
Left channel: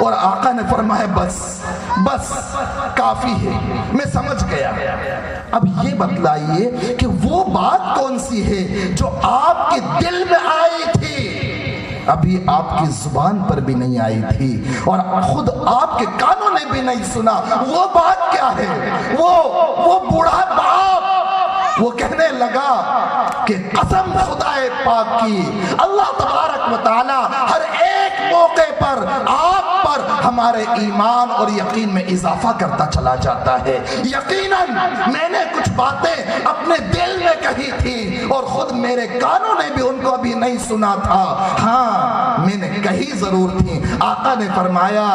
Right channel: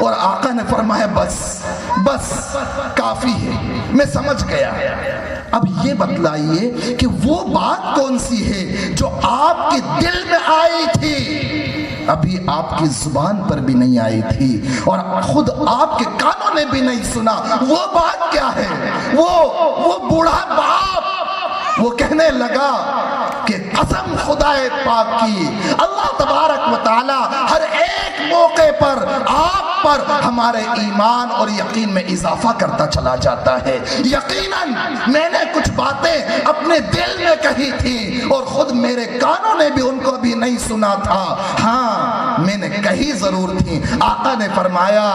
اور آقا نے فرمایا بس کافی ہے، میں سمجھ گیا۔ اب یہ بتلائیے کہ وہ بات کون سی ہے جو آپ کے دل میں آئی تھی، ابھی آپ کی زبان پر بھی نہیں آئی تھی اور خود آپ کے کانوں نے بھی نہیں سنا، وہ بات کیا ہے؟ وہ بوڑھا باپ وہ کہنے لگا کہ قسم خدا پاک کی، اللہ تبارک و تعالی ہر ایک موقع پر آپ پر ہمارے ایمان اور یقین میں اضافہ کرتا چلا جاتا ہے۔ یقیناً میں نے کچھ باتیں اپنے دل میں کہی تھی اور خود میرے کانوں نے بھی ان کو ابھی نہیں سنا تھا، ہاں میں نے کہی ضرور تھی۔ آقا نے فرمایا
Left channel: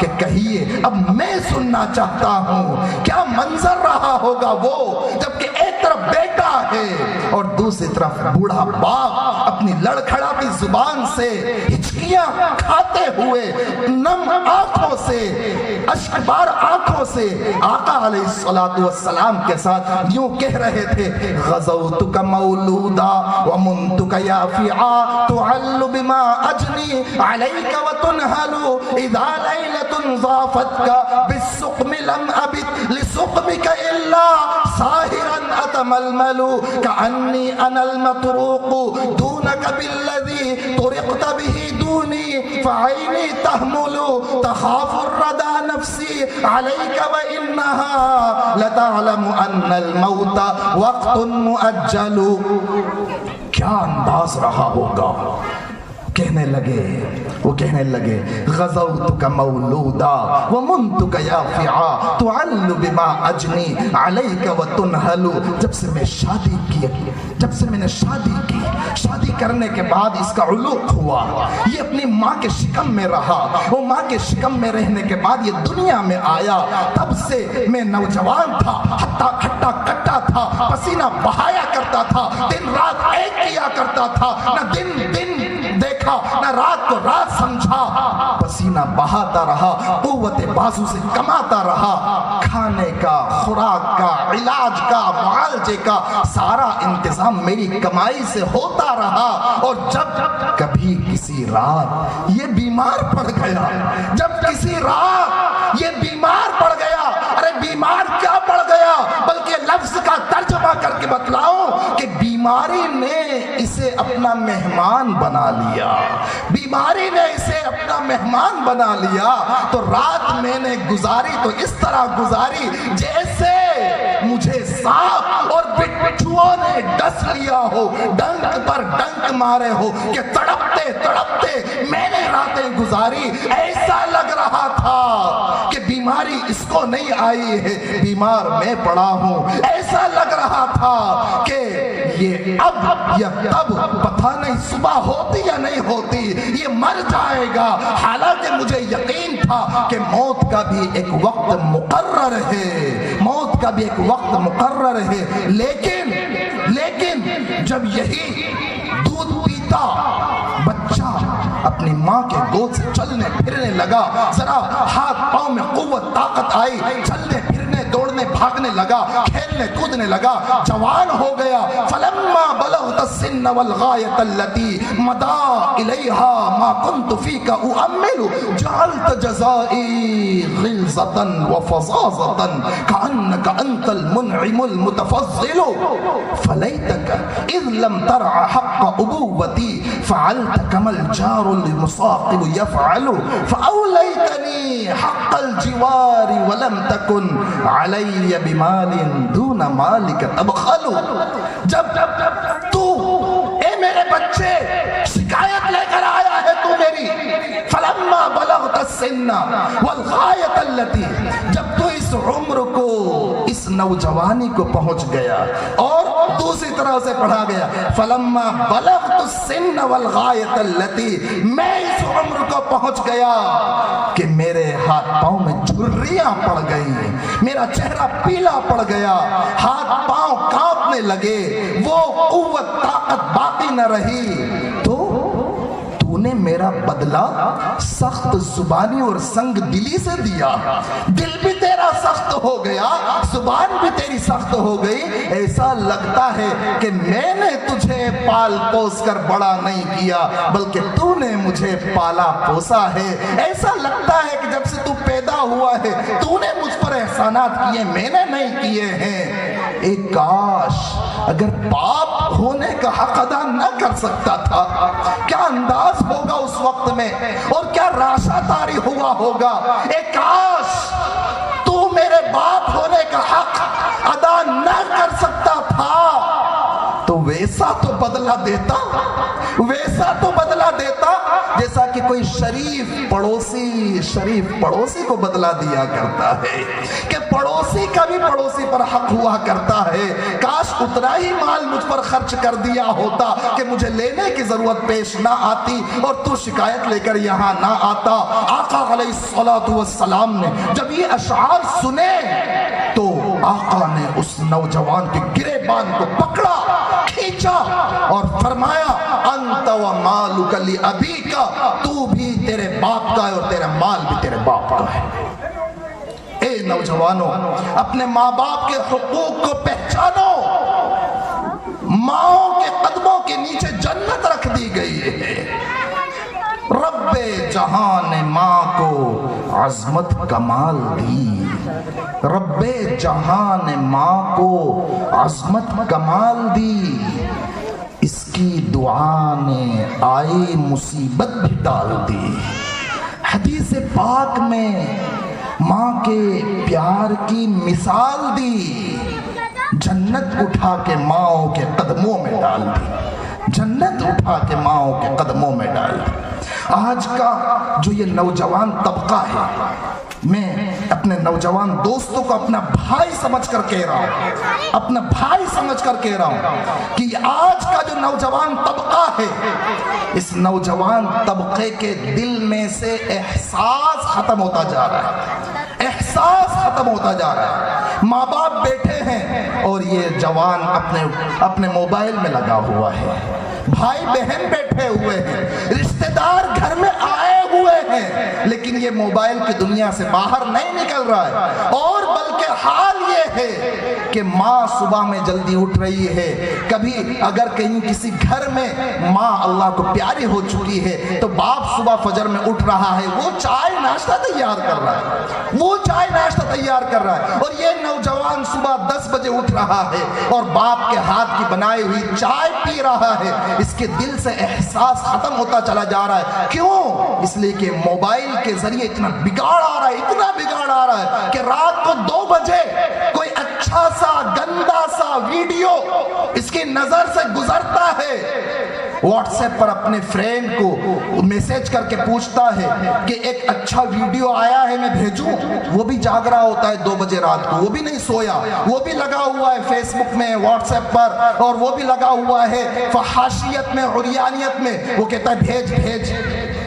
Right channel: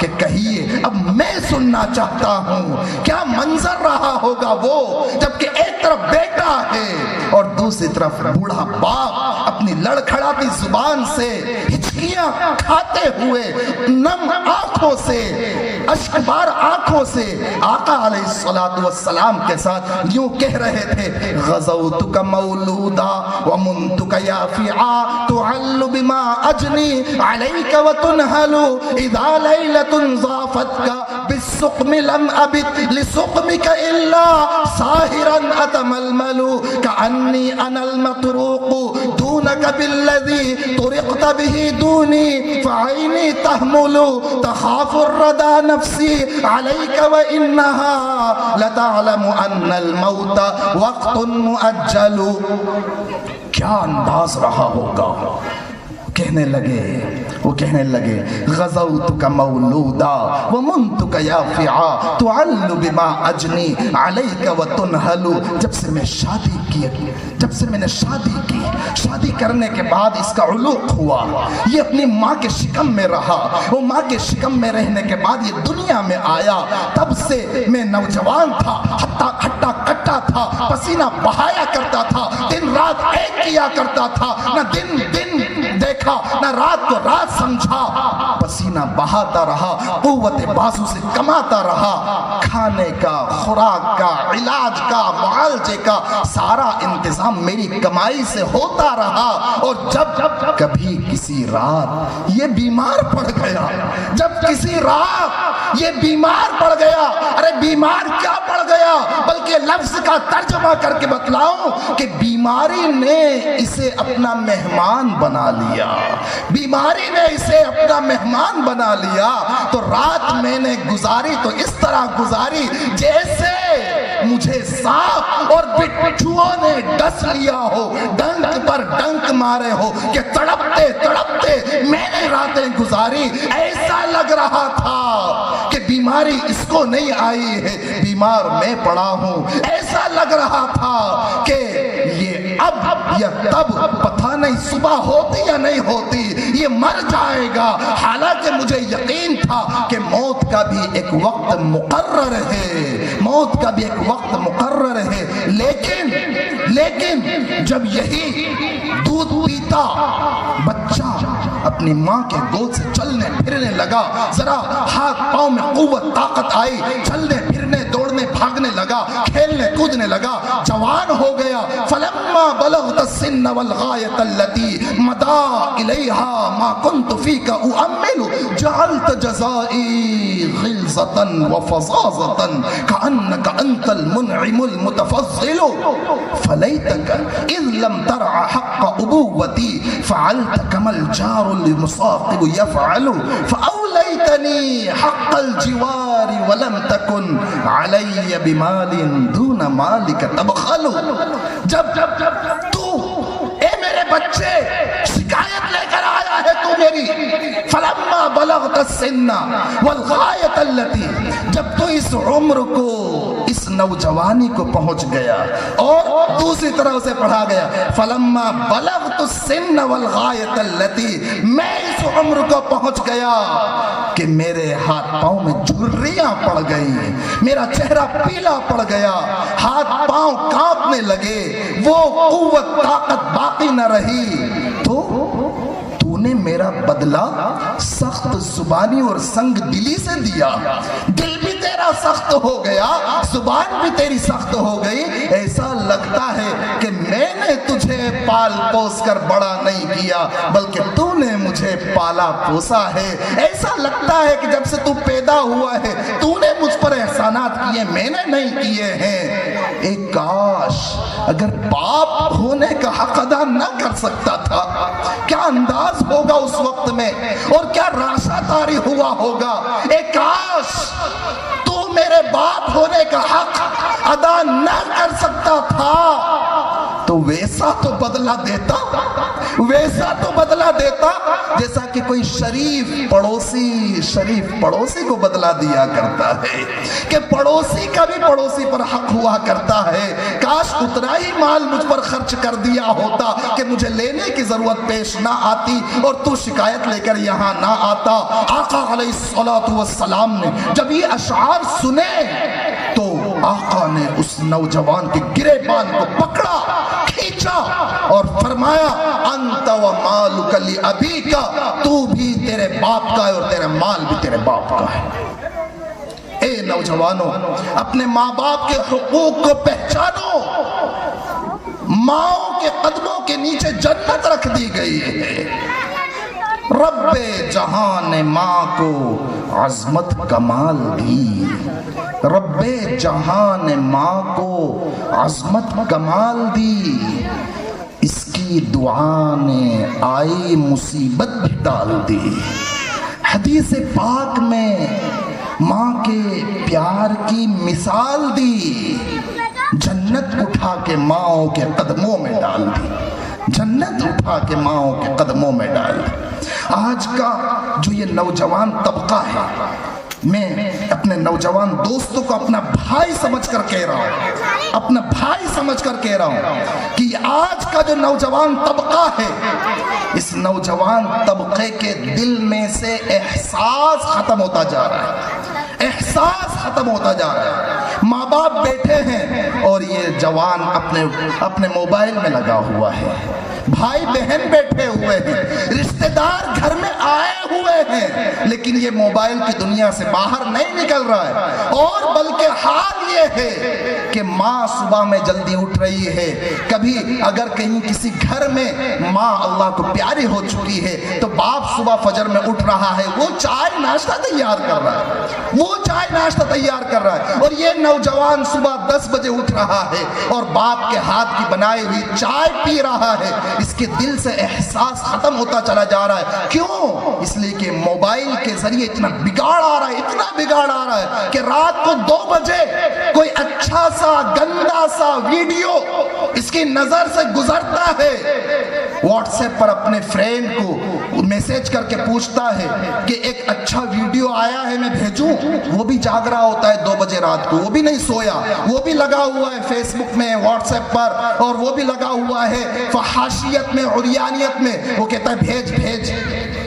کہ کہیے، اب میں سننا چاہتا ہوں کیا منظر رہا ہوگا وہ، جبکہ ایک طرف بیٹا ہے اور دوسری طرف بوڑھا باپ اپنی لڑکھڑاتی زبان سے ہچکیاں کھاتے ہوئے نم آنکھوں سے، اشکبار آنکھوں سے آقا علیہ الصلوۃ والسلام کے ساتھ یوں کہہ رہے تھے، غزوتک مولودا ومنتک یافعا تعل بما اجنی علیک وتنہل اذا لیلۃ ضافتک بالسقم لم ابت لسقمک الا ساہرا اتململ کانی انا المطروق دونک بالذی طرقت به دونی فعینی تحمل تخاف الردى نفسی علیک وانہا لتعلم ان الموت وقت مؤجل۔ کیا انداز رہا ہوگا، وہ کہنے لگے غزوتک مولودا ومنتک یافعا تعل بما اجنی علیک وتنہل۔ جب سے میں نے شادی کی، شادی کرنے کے بعد اس کا علوق ہوا، یہ اپنی ماں کے شکم میں رہا، وہ ماں کے شکم میں رہنے کے بعد یہ دنیا میں آیا، تب سے میں نوجوان تھا، ہٹا کٹا تھا، پسینہ بہایا کرتا تھا، دن رات ایک کیا کرتا تھا، نہ دن دیکھا نہ رات کو رات سمجھا، پسینہ بہاتا رہا، قوت بازو سے کماتا رہا، کھانے کا، خوراک کا، علاج کا، معالجے کا سارا انتظام میری کمائی سے ہوتا رہا۔ اور جب کبھی کسی رات یہ بیمار پڑ گیا، ارے بیمار کیا پڑ گیا، بلکہ لفظ کا ترجمہ کر کے بتلاؤں کہ بیماری نے اسے اپنا مہمان بنا لیا، تو رات میں نے گزاری تو اس طرح گزاری جیسے مجھے سانپ اور بچھوؤں نے ڈس لیا ہو، ڈنک پر ڈنک مارے ہو کہ تڑپتے میں نے راتیں گزاری۔ ایسا لگ رہا تھا کہ بیماری اس کو نہیں آئی ہے، بیمار میں پڑا ہوں۔ ایسا لگ رہا تھا کہ یہ اب یا تب پتہ نہیں صبح ہوتی یا نہیں ہوتی، یہ مر جائے گا، حالانکہ مجھے یقین تھا کہ موت کا بھی ایک وقت مقرر ہے، لیکن جب یہی دودھ پیتا بچہ اپنی ماں کے گود سے چلنے پھرنے لگا، ذرا ہاتھ پاؤں میں قوت طاقت آئی، چلنے پھرنے دوڑنے بھاگنے لگا، کھیلنے کودنے لگا، جوان ہو گیا، فلما بلغت السن والغایۃ التي مضى الیہا ما كنت فیک اؤمل جعلت جزائی غلظة وفظاظة كأنك انت المنعم المتفضل فلیتك اذ لم ترع حق ابوتی فعلت كما الجار المصاقب يفعل فأولیتنی حق الجوار ولم تكن علی بمال دون مالک تبخل۔ جب تو اے میرے بچے شکایت لے کر آیا ہے تو میری، فلما بلغت السن والغایۃ التی، جب تو اس عمر کو، اس نوجوانی کو پہنچ گیا، اور دوسری طرح سے پڑھا گیا فلما بلغت السن والغایۃ التی، میں اس عمر کو پہنچ گیا کہ میرے ہاتھ پاؤں میں جھریاں پڑ گئی، میرا چہرہ پیلا پڑ گیا، ہاتھ پاؤں کانپنے لگے، وہ قوت طاقت باقی نہ رہی، تو نے میرا بدلہ سخت زبانی اور سنگ دلی سے دیا، دل بھی تیرا سخت ہو گیا، زبان بھی تیری سخت ہو گئی، ایسا لگتا ہے کہ میں نے تجھے پال پوس پروس کر بڑا نہیں کیا بلکہ تو نے مجھے پالا پوسا ہے. ایسا لگتا ہے کہ جب سے تو پیدا ہوا ہے تو نے مجھ پر احسانات کیے میں نے نہیں کیے ہیں. ایک کاش اگر باپ ہونے کا حق ادا نہ کر سکتا تھا کیا انداز ہوگا اس وقت میں اور کیا راشا طاری ہوا ہوگا. ایک کاش تو میرے باپ ہونے کا حق ادا نہ کر سکتا تھا تو ویسا تو بدلہ دیتا جیسا کہ کوئی شریف پڑوسی کو بدلہ دیا کرتا ہے کہ پڑوسی کا بھی پڑوسی پر حق ہوا کرتا ہے. کاش اتنا ہی مال مجھ پر خرچ کر دیا ہوتا کہ مجھے لینے کی ضرورت پیش نہ آتی اور تو شکایت لے کر یہاں نہ آتا. آقا علیہ الصلوۃ والسلام نے جب یہ اشعار سنے تو آقا نے اس نوجوان کے گریبان کو پکڑا کھینچا اور فرمایا انت و مالک لابیک، تو بھی تیرے باپ کا ہے اور تیرا مال بھی تیرے باپ کا ہے. اے نوجوانوں اپنے ماں باپ کے حقوق کو پہچانو. ماں کے قدموں کے نیچے جنت رکھ دی گئی ہے. رب جہاں نے ماں کو عظمت کمال دی. رب جہاں نے ماں کو عظمت کمال دی. اس کی دعا نے آئی مصیبت بھی ڈال دی. حدیث پاک میں ماں کے پیار کی مثال دی. جنت اٹھا کے ماں کے قدموں میں ڈال دی. جنت اٹھا کے ماں کے قدموں میں ڈال دی. آج کا جو یہ نوجوان طبقہ ہے میں اپنے نوجوان دوستوں کو اپنا بھائی سمجھ کر کہہ رہا ہوں کہ آج کا جو نوجوان طبقہ ہے اس نوجوان طبقے کے دل میں سے احساس ختم ہوتا جا رہا ہے. ماں باپ بیٹھے ہیں اور یہ جوان اپنے موبائل میں لگا ہوا ہے. بھائی بہن بیٹھے ہوئے ہیں. رشتہ دار گھر میں آئے ہوئے ہیں لیکن یہ موبائل کی دنیا سے باہر نہیں نکل رہا ہے. اور بلکہ حال یہ ہے کہ ماں صبح میں جلدی اٹھ رہی ہے. کبھی اگر کہیں کسی گھر میں ماں اللہ کو پیاری ہو چکی ہے تو باپ صبح فجر میں اٹھ رہا ہے. وہ چائے ناشتہ تیار کر رہا ہے اور یہ نوجوان صبح 10 بجے اٹھ رہا ہے اور باپ کے ہاتھ کی بنائی ہوئی چائے پی رہا ہے. اس کے دل سے احساس ختم ہوتا چلا جا رہا ہے. کیوں؟ اس لیے کہ موبائل کے ذریعے اتنا بگاڑ آ رہا ہے کہ رات کو 2 بجے کوئی اچھا سا گندا سا ویڈیو اس کی نظر سے گزرتا ہے. واٹس ایپ پر اپنے فرینڈ کو میسج کر کے پوچھتا ہے کہ ایک اچھا ویڈیو آیا ہے میں بھیجوں. وہ بھی جاگ رہا ہوتا ہے 2 بجے رات کو. وہ بھی نہیں سویا. وہ بھی لگا ہوا ہے فیس بک میں واٹس ایپ پر اور وہ بھی لگا ہوا ہے فحاشیت میں عریانیت میں. وہ کہتا ہے بھیج.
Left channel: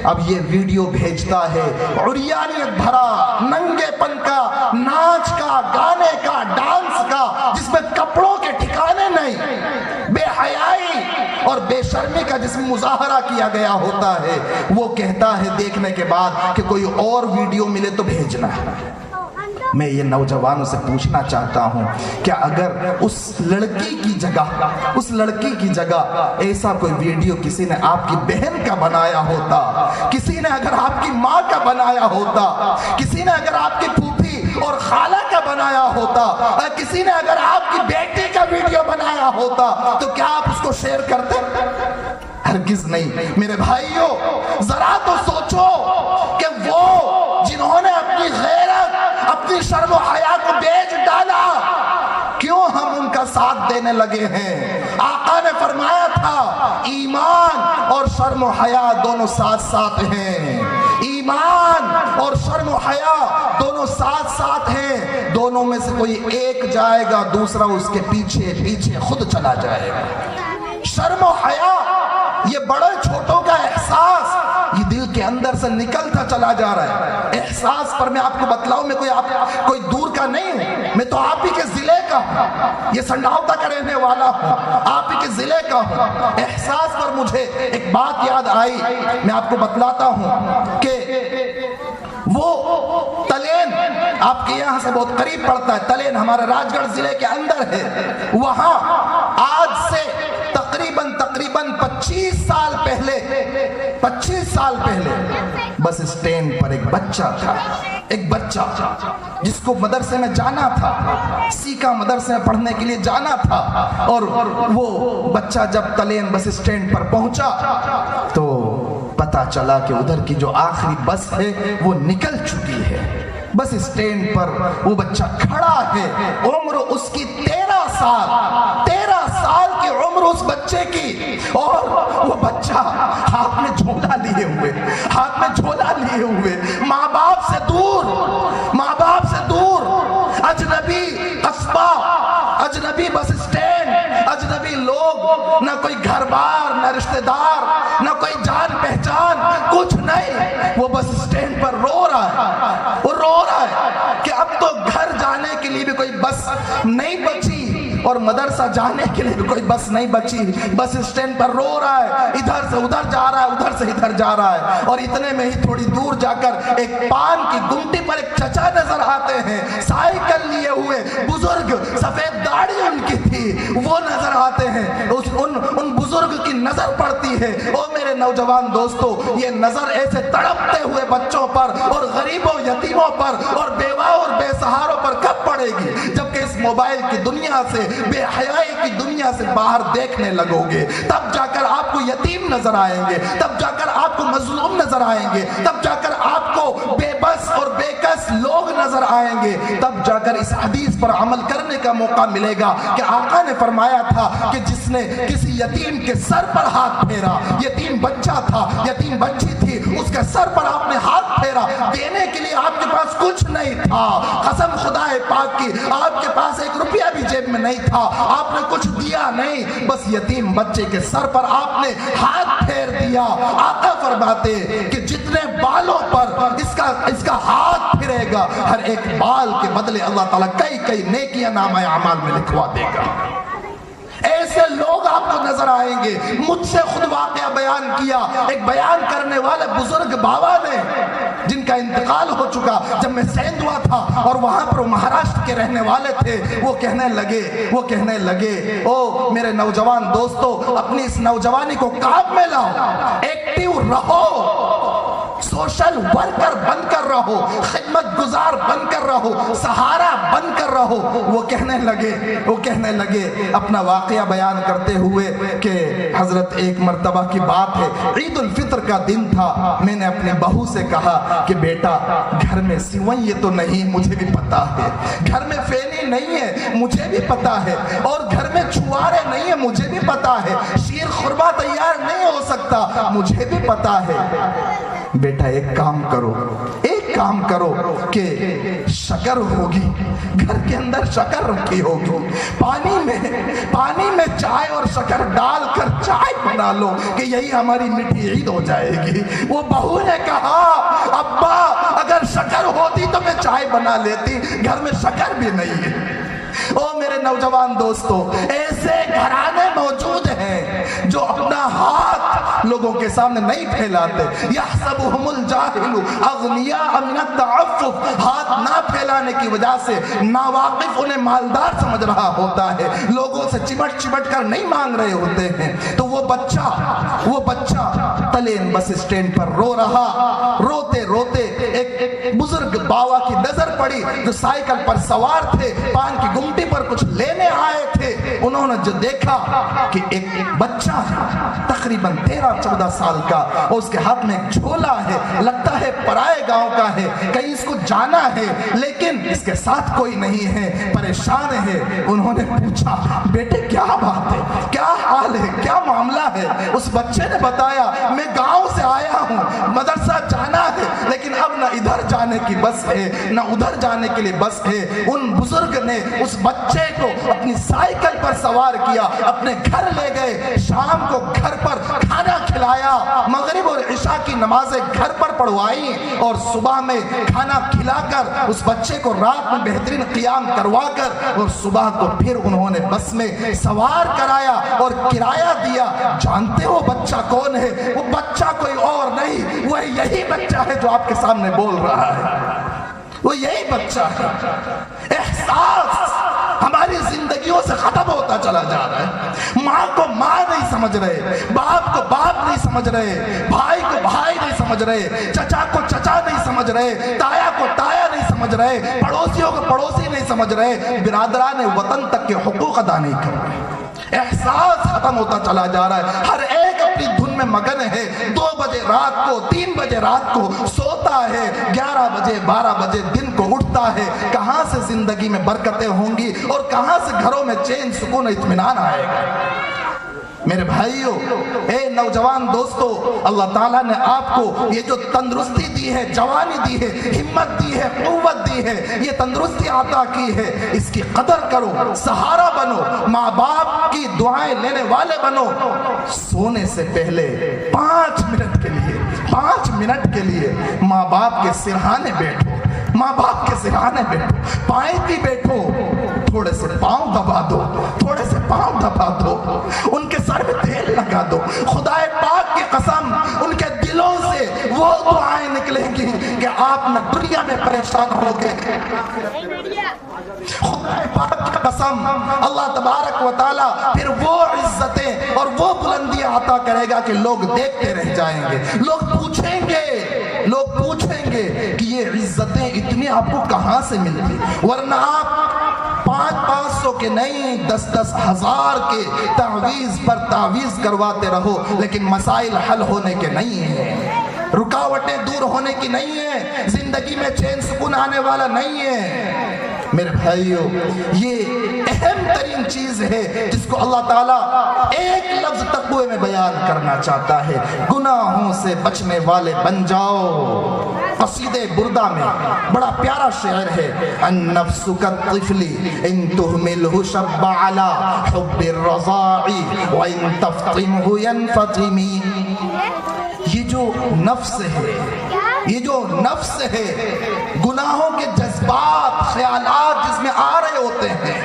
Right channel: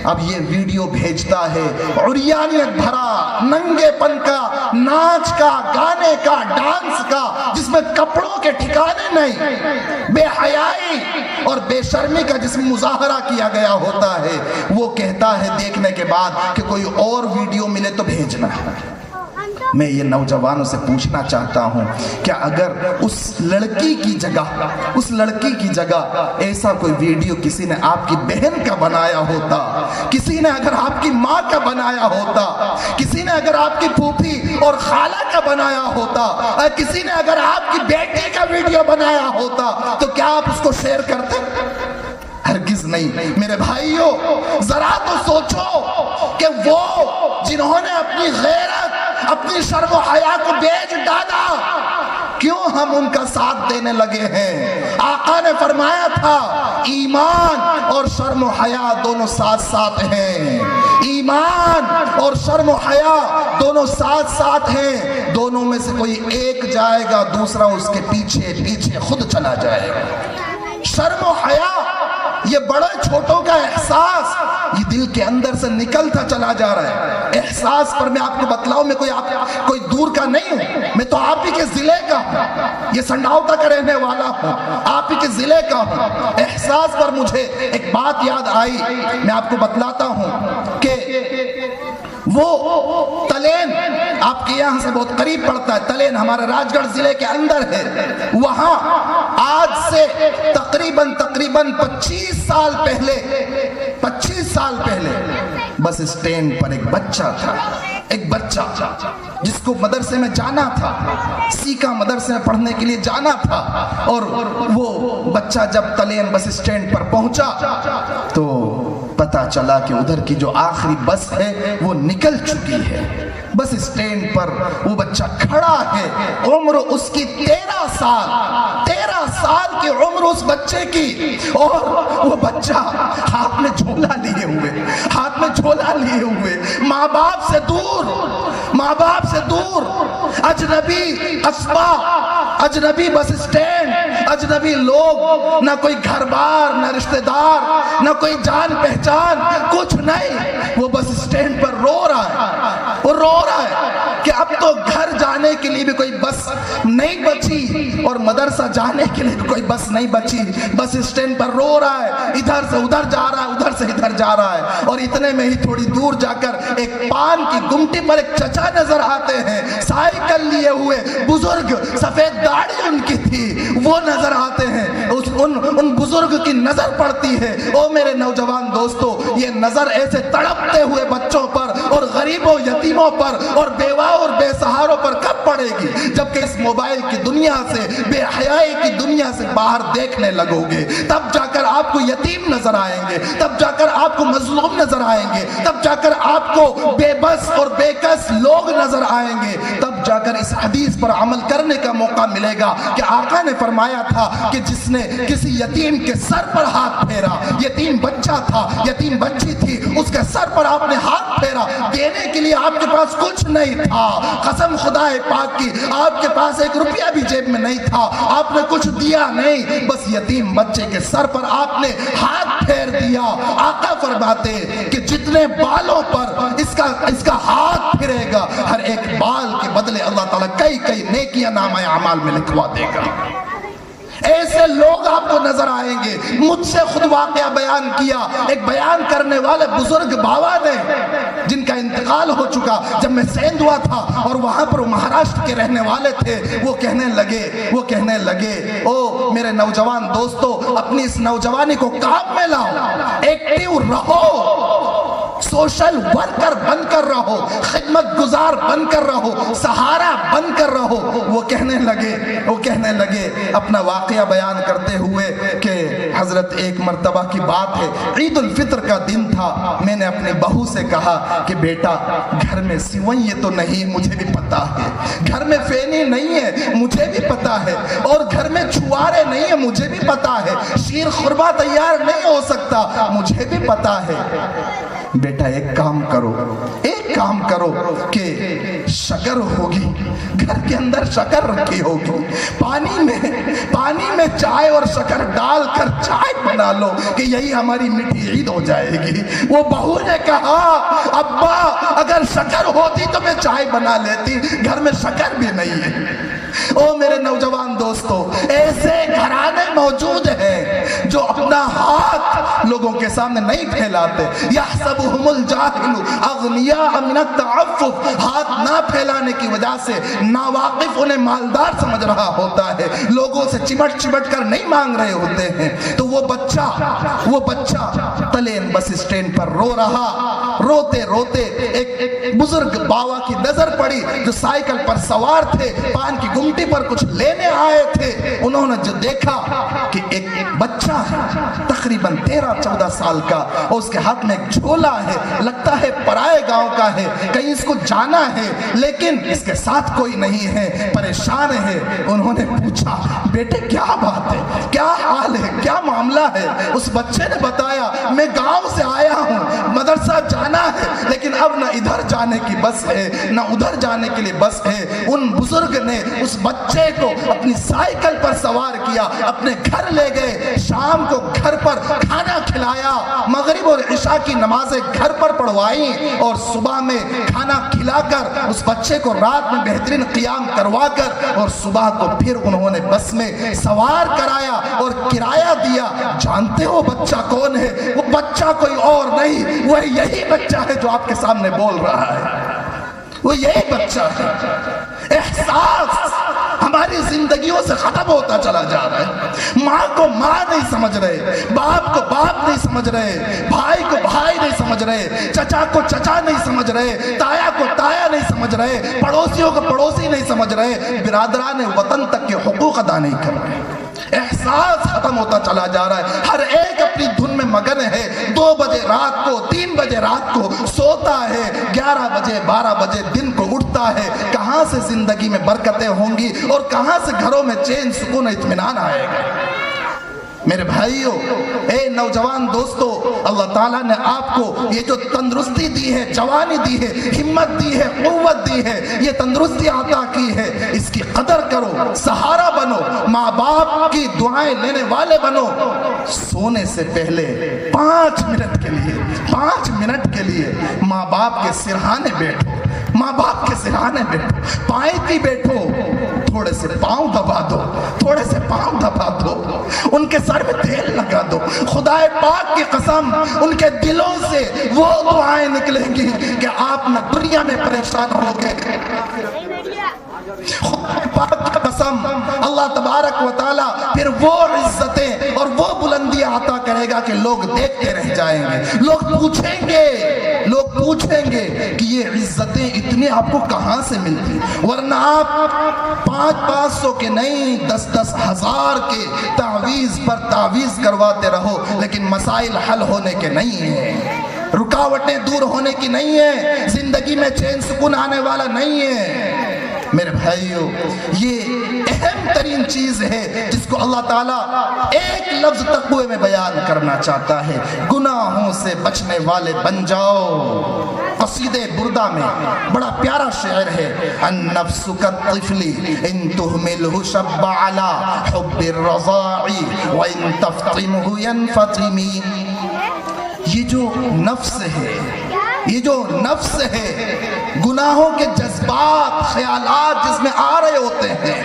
اب یہ ویڈیو بھیجتا ہے عریانیت بھرا ننگے پن کا, ناچ کا, گانے کا, ڈانس کا جس میں کپڑوں کے ٹھکانے نہیں, بے حیائی اور بے شرمی کا جس میں مظاہرہ کیا گیا ہوتا ہے. وہ کہتا ہے دیکھنے کے بعد کہ کوئی اور ویڈیو ملے تو بھیجنا ہے. میں یہ نوجوانوں سے پوچھنا چاہتا ہوں کیا اگر اس لڑکی کی جگہ ایسا کوئی ویڈیو کسی نے آپ کی بہن کا بنایا ہوتا, کسی نے اگر آپ کی ماں کا بنایا ہوتا, کسی نے اگر آپ کی پھوپھی اور خالہ کا بنایا ہوتا, کسی نے اگر آپ کی بیٹی کا ویڈیو بنایا ہوتا تو کیا آپ اس کو شیئر کرتے؟ ہرگز نہیں. میرے بھائیوں ذرا تو سوچو کہ وہ جنہوں نے اپنی غیرت, اپنی شرم و حیا کو بیچ ڈالا, کیوں ہم ان کا ساتھ دینے لگے ہیں؟ آقا نے فرمایا تھا ایمان اور شرم و حیا دونوں ساتھ ساتھ ہیں. ایمان اور شرم و حیا دونوں ساتھ ساتھ ہیں. دونوں میں سے کوئی ایک جائے گا دوسرا اس کے پیچھے خود چلا جائے گا. شرم و حیا یہ بڑے چھوٹوں کا احساس یہ دل کے اندر سے نکلتا چلا جا رہا ہے. احساس پر میں آپ کو بتلاؤں, میں کوئی دور کا نہیں ہوں, میں تو آپ ہی کے ضلع کا ہوں, یہ سنڈاوتا کا رہنے والا ہوں, آپ ہی کے ضلع کا ہوں. احساس پر مجھے ایک بات یاد آئی, میں آپ کو بتلاتا ہوں کہ وہ تلین آپ کے یہاں سے بہت قریب پڑتا ہے. تلین ہمارے راج گڑھ ضلع کے اندر ہے. وہاں آج سے تقریباً 25 سال پہلے بس اسٹینڈ پر ایک بچہ تھا جس کو مدرسے میں جانا تھا، سیکھا مدرسے میں پڑھنے کے لیے جانا تھا، اور وہ بچہ جب تلین بس اسٹینڈ پر پہنچا تو پتا چلا کہ ادھر کی جو آخری بس ہے وہ نکل چکی ہے۔ بس اسٹینڈ پر وہ بچہ کھڑا ہے، عمر اس کی 13 سال کی عمر اس بچے کی، اور وہ بچہ ہاتھ میں جھولا لیے ہوئے ماں باپ سے دور، اجنبی قصبہ، اجنبی بس اسٹینڈ، اجنبی لوگ، نہ کوئی گھر بار، نہ رشتہ دار، نہ کوئی جان پہچان، کچھ نہیں۔ وہ بس اسٹینڈ پر رو رہا ہے کہ اب تو گھر جانے کے لیے بھی کوئی بس نہیں بچی اور مدرسہ جانے کے لیے بھی کوئی بس نہیں بچی۔ بس اسٹینڈ پر رو رہا ہے، ادھر سے ادھر جا رہا ہے، ادھر سے ادھر جا رہا ہے، اور اتنے میں ہی تھوڑی دور جا کر ایک پان کی گمٹی پر ایک چچا نظر آتے ہیں، سائیکل لیے ہوئے بزرگ، سفید داڑھی ان کی تھی، وہ نظر آتے ہیں۔ ان بزرگ کی نظر پڑتی ہے۔ او میرے نوجوان دوستو، یہ نظر ایسے تڑپتے ہوئے بچوں پر اور غریبوں، یتیموں پر اور بیوہ اور بے سہاروں پر کب پڑے گی؟ جبکہ اس موبائل کی دنیا سے، بے حیائی کی دنیا سے باہر دیکھنے لگو گے، تب جا کر آپ کو یتیم نظر آئیں گے، تب جا کر آپ کو مظلوم نظر آئیں گے، تب جا کر آپ کو بے بس اور بے کس لوگ نظر آئیں گے، تب جا کر اس حدیث پر عمل کرنے کا موقع ملے گا کہ آقا نے فرمایا تھا کہ جس نے کسی یتیم کے سر پر ہاتھ پھیرا، یتیم بچہ تھا، یتیم بچی تھی، اس کے سر پر آپ نے ہاتھ پھیرا، دینے کے لیے آپ کے پاس کچھ نہیں تھا، قسم خدا پاک کی آپ کے پاس 1 روپیہ بھی جیب میں نہیں تھا، آپ نے کچھ دیا نہیں، بس یتیم بچے کے سر پر آپ نے ہاتھ پھیر دیا۔ آقا فرماتے کہ جتنے بالوں پر اس کا ہاتھ پھرے گا، ہر ایک بال کے بدلے اللہ تعالیٰ کئی نیکیاں نامہ اعمال میں لکھوا دے گا۔ ایسے لوگ آپ کو نظر آئیں گے۔ مجھ سے خود واقعہ بیان کیا ایک بیان کرنے والے بزرگ بابا نے، جن کا انتقال ہو چکا، جب میں سیند ہوا تھا اور وہاں پر مہاراشٹر کے رہنے والے تھے، وہ کہنے لگے او میرے نوجوان دوستو، اپنی اس نوجوانی کو کام میں لاؤ، ایکٹیو رہو، سوشل ورکر بن کر رہو، خدمت گزار بن کر رہو، سہارا بن کر رہو۔ وہ کہنے لگے اپنا واقعہ بیان کرتے ہوئے کہ حضرت ایک مرتبہ کی بات ہے، عید الفطر کا دن تھا، میں نے اپنی بہو سے کہا کہ بیٹا گھر میں سوئیں تو نہیں، مجھے بھی پتا ہے، گھر میں فینی نہیں ہے، مجھے بھی پتا ہے، اور گھر میں چھوارے نہیں ہے، مجھے بھی پتا ہے، شیر خورما تیار نہیں ہو سکتا، مجھے بھی پتا ہے، بیٹا ایک کام کرو کہ شکر ہوگی، گھر کے اندر شکر رکھی ہوگی، پانی میں چائے اور شکر ڈال کر چائے بنا لو کہ یہی ہماری میٹھی عید ہو جائے گی۔ وہ بہو نے کہا ابا اگر شکر ہوتی تو میں چائے بنا لیتی، گھر میں شکر بھی نہیں ہے۔ او میرے نوجوان دوستو، ایسے گھرانے موجود ہیں جو اپنا ہاتھ لوگوں کے سامنے نہیں پھیلاتے، یحسبہم الجاہل اغنیاء من التعفف، ہاتھ نہ پھیلانے کی وجہ سے ناواقف انہیں مالدار سمجھ رہا ہوتا ہے، لوگوں سے چمٹ کر نہیں مانگ رہے ہوتے ہیں۔ تو وہ بچہ تلین بس اسٹینڈ پر رو رہا، روتے ایک بزرگ باوا کی نظر پڑی جو سائیکل پر سوار تھے، پان کی گمٹی پر کچھ لینے آئے تھے۔ انہوں نے جو دیکھا کہ ایک بچہ تقریباً 13-14 سال کا، اس کے ہاتھ میں ایک جھولا ہے، لگتا ہے پرائے گاؤں کا ہے، کہیں اس کو جانا ہے، لیکن اس کے ساتھ کوئی نہیں ہے، پریشان ہے۔ انہوں نے پوچھا بیٹے کیا بات ہے، کیا حال ہے، کیا معاملہ ہے؟ اس بچے نے بتایا میں گاؤں سے آیا ہوں، مدرسہ جانا ہے، لیکن اب نہ ادھر جانے کی بس ہے نہ ادھر جانے کے لیے بس ہے۔ ان بزرگ نے اس بچے کو اپنی سائیکل پر سوار کیا، اپنے گھر لے گئے، شام کو گھر پر کھانا کھلایا، مغرب اور عشاء کی نمازیں گھر پر پڑھوائیں، اور صبح میں کھانا کھلا کر اس بچے کو رات میں بہترین قیام کروا کر، اور صبح کو پھر انہوں نے بس میں سوار کرایا اور کرایہ دیا۔ جانتے ہو بچہ کون ہے؟ وہ بچہ کوئی اور نہیں، وہ یہی بچہ ہے جو آپ کے سامنے بول رہا ہے، وہ یہی بچہ ہے۔ احساس ہماری زندگیوں سے ختم ہوتا ہوتا چلا جا رہا ہے. ماں کو ماں نہیں سمجھ رہے, باپ کو باپ نہیں سمجھ رہے, بھائی کو بھائی نہیں سمجھ رہے, چچا کو چچا نہیں سمجھ رہے, تایا کو تایا نہیں سمجھ رہے, پڑوسیوں کو پڑوسی نہیں سمجھ رہے, برادران وطن تک کے حقوق ادا نہیں کر رہے. احساس ختم ہوتا چلا جا رہا ہے. ہر ایک اپنی دھن میں مگن ہے. 2 بجے رات کو 3 بجے رات کو سوتا ہے, 11 بجے 12 بجے دن کو اٹھتا ہے. کہاں سے زندگی میں برکتیں ہوں گی اور کہاں سے گھروں میں چین سکون اطمینان آئے گا؟ میرے بھائیوں, اے نوجوان دوستو, اللہ تعالیٰ نے آپ کو یہ جو تندرستی دی ہے, جوانی دی ہے, ہمت دی ہے, قوت دی ہے, یہ تندرستی عطا کی ہے, اس کی قدر کرو, سہارا بنو, ماں باپ کی دعائیں لینے والے بنو. سونے سے پہلے 5 منٹ کے لیے ماں باپ کے سرہانے بیٹھو, ماں باپ کے سرہانے بیٹھو, پائیں بھی بیٹھو, تھوڑے سے پاؤں دبا دو, تھوڑے سے پاؤں دبا دو, ان کے سر میں تیل لگا دو. خدائے پاک کی قسم ان کے دلوں سے وہ دعائیں نکلیں گی کہ آپ نے دنیا میں پریشان ہو گئے. خدائے پاک کی قسم اللہ تبارک و تعالی پھر وہ عزتیں اور وہ بلندیاں عطا کرے گا کہ لوگ دیکھتے رہ جائیں گے. لوگ پوچھیں گے کہ یہ عزتیں اتنی آپ کو کہاں سے ملتی, ورنہ آپ 500 کے نہیں 10 ہزار کے تعویذ پر تعویذ کرواتے رہو, لیکن مسائل حل ہونے کے نہیں ہیں, رکاوٹیں دور ہونے کی نہیں ہیں, زندگی میں چین سکون آنے والا نہیں ہے. میرے بھائیوں, یہ اہم ترین چیز ہے جس کو اللہ تعالیٰ ایک لفظ تقوی میں بیان کرنا چاہتا ہے. گناہوں سے بچنے والے بن جاؤ. قصیدہ بردہ میں بڑا پیارا شعر ہے, النفس کالطفل ان تهمله شب على حب الرضاع وان تفطمه ينفطم. یہ جو نفس ہے, گناہوں کے جذبات, خیالات جس میں آ رہے ہوتے ہیں,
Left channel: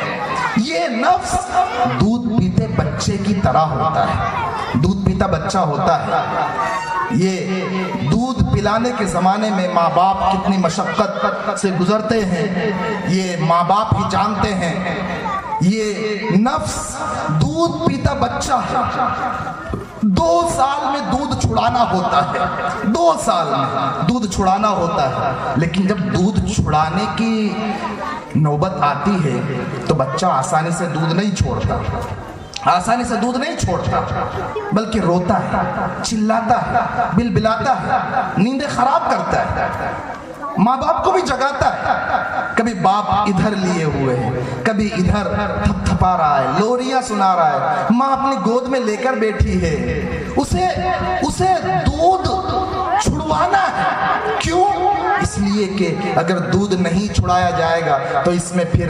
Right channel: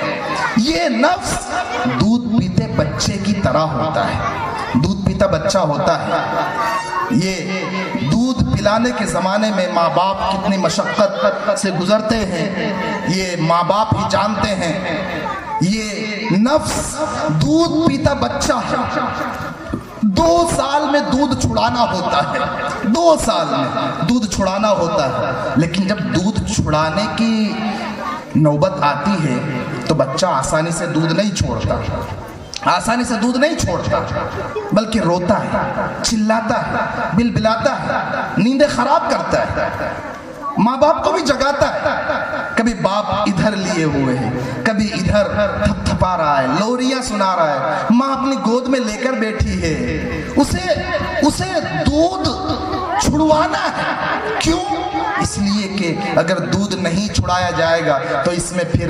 یہ نفس دودھ پیتے بچے کی طرح ہوتا ہے. دودھ پیتا بچہ ہوتا ہے. یہ دودھ پلانے کے زمانے میں ماں باپ کتنی مشقت سے گزرتے ہیں, یہ ماں باپ ہی جانتے ہیں. یہ نفس دودھ پیتا بچہ ہے. 2 سال میں دودھ چھڑانا ہوتا ہے, 2 سال میں دودھ چھڑانا ہوتا ہے. لیکن جب دودھ چھڑانے کی نوبت آتی ہے تو بچہ آسانی سے دودھ نہیں چھوڑتا, بلکہ روتا ہے, چلاتا ہے, بلبلاتا ہے, نیندیں خراب کرتا ہے, ماں باپ کو بھی جگاتا ہے. کبھی باپ ادھر لیے ہوئے ہیں, کبھی ادھر تھپ تھپا رہا ہے, لوریاں سنا رہا ہے, ماں اپنی گود میں لے کر بیٹھی ہے, اسے دودھ چھڑوانا ہے. کیوں؟ اس لیے کہ اگر دودھ نہیں چھڑایا جائے گا تو اس میں پھر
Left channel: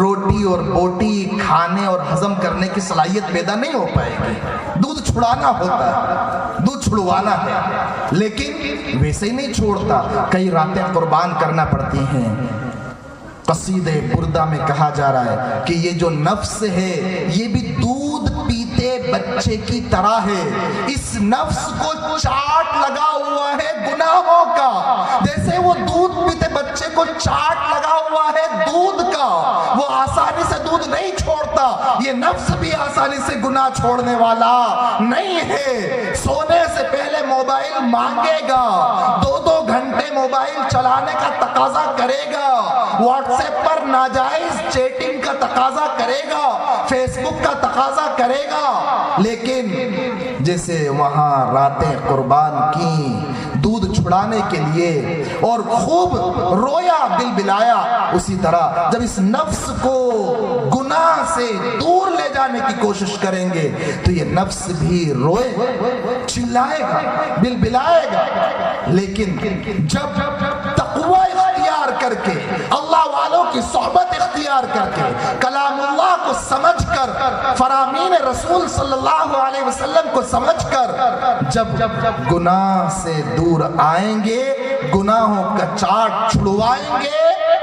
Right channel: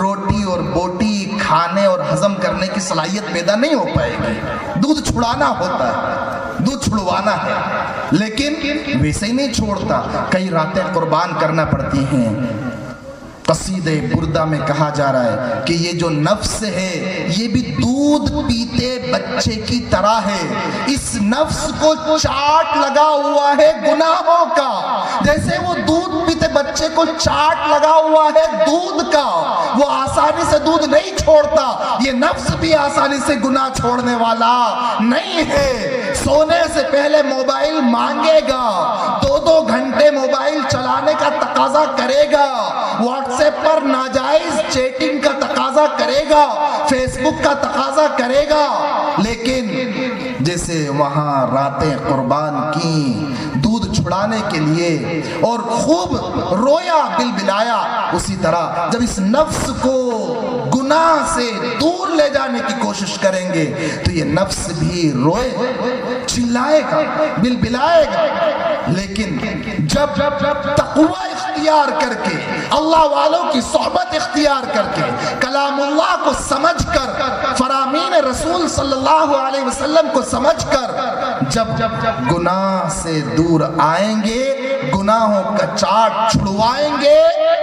روٹی اور بوٹی کھانے اور ہضم کرنے کی صلاحیت پیدا نہیں ہو پائے گی. دودھ چھڑانا ہوتا ہے, دودھ چھڑوانا ہے, لیکن ویسے ہی نہیں چھوڑتا, کئی راتیں قربان کرنا پڑتی ہیں. قصیدہ بردہ میں کہا جا رہا ہے کہ یہ جو نفس ہے یہ بھی دودھ پیتے بچے کی طرح ہے. اس نفس کو چاٹ لگا ہوا ہے گناہوں کا, جیسے وہ دودھ پیتے بچے کو چاٹ لگا ہوا ہے دودھ کا. وہ آسانی سے دودھ نہیں چھوڑتا, یہ نفس بھی آسانی سے گناہ چھوڑنے والا نہیں ہے. سونے سے پہلے موبائل مانگے گا, 2 گھنٹے موبائل چلانے کا تقاضا کرے گا, واٹس ایپ پر ناجائز چیٹنگ کا تقاضا کرے گا, فیس بک کا تقاضا کرے گا. لیکن جیسے وہاں راتیں قربان کی دودھ چھڑانے کے لیے اور خوب رویا بلبلایا, اسی طرح جب اس نفس کو گناہ سے دور لے جانے کی کوشش کریں گے تو یہ نفس بھی روئے, چلائے گا, بلبلائے گا. لیکن جب تقوی اختیار کر کے, اللہ والوں کی صحبت اختیار کر کے, کلام اللہ کو سمجھ کر, فرامین رسول صلی اللہ علیہ وسلم کو سمجھ کر جب گناہ سے دور آئیں گے, گناہوں کا چاٹ چھڑوائیں گے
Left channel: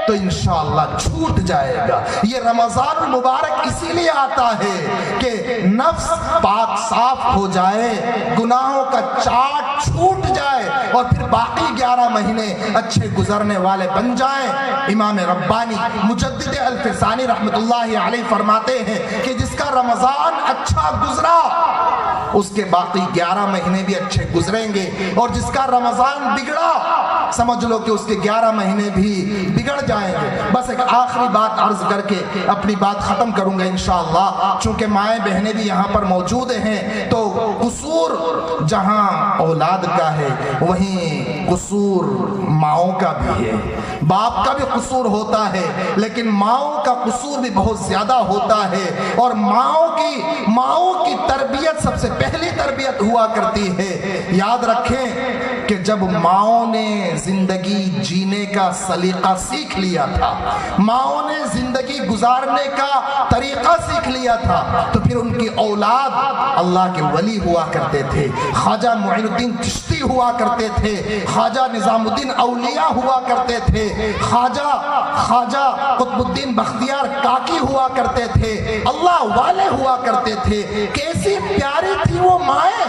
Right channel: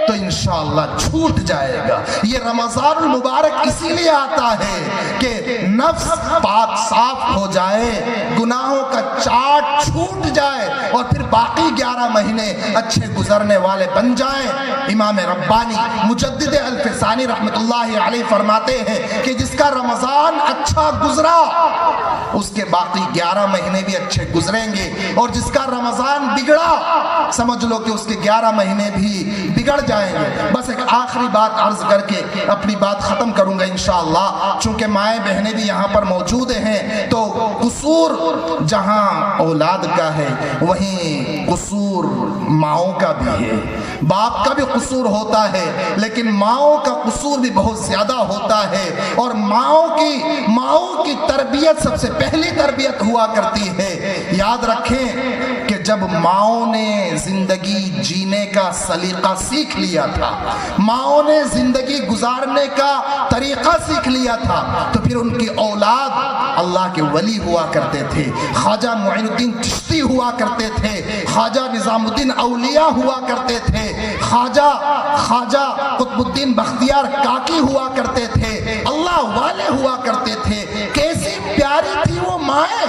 تو انشاءاللہ چھوٹ جائے گا. یہ رمضان مبارک اسی لیے آتا ہے کہ نفس پاک صاف ہو جائے, گناہوں کا چاٹ چھوٹ جائے اور پھر باقی 11 مہینے اچھے گزرنے والے بن جائیں. امام ربانی مجدد الفسانی رحمت اللہ علیہ فرماتے ہیں کہ جس کا رمضان اچھا گزرا اس کے باقی 11 مہینے بھی اچھے گزریں گے، اور جس کا رمضان بگڑا سمجھ لو کہ اس کے 11 مہینے بھی بگڑ جائیں گے۔ بس ایک آخری بات عرض کر کے اپنی بات ختم کروں گا انشاءاللہ، چونکہ مائیں بہنیں بھی یہاں پر موجود ہیں، تو قصور جہاں اولاد کا ہے وہیں قصور ماؤں کا بھی ہے۔ باپ کا بھی قصور ہوتا ہے لیکن ماؤں کا قصور بھی بہت زیادہ ہوتا ہے، اور ماؤں کی تربیت سب سے پہلی تربیت ہوا کرتی ہے۔ یاد رکھیں کہ جب ماؤں نے زندگی جینے کا سلیقہ سیکھ لیا تھا، ماؤں نے زندگی گزارنے کا طریقہ سیکھ لیا تھا، تو پھر ان کی اولاد اللہ کے ولی ہوا کرتے تھے، خواجہ معین الدین چشتی ہوا کرتے تھے، خواجہ نظام الدین اولیاء ہوا کرتے تھے، خواجہ قطب الدین بختیار کاکی ہوا کرتے تھے، اللہ والے ہوا کرتے تھے۔ کیسی پیاری تھی وہ مائیں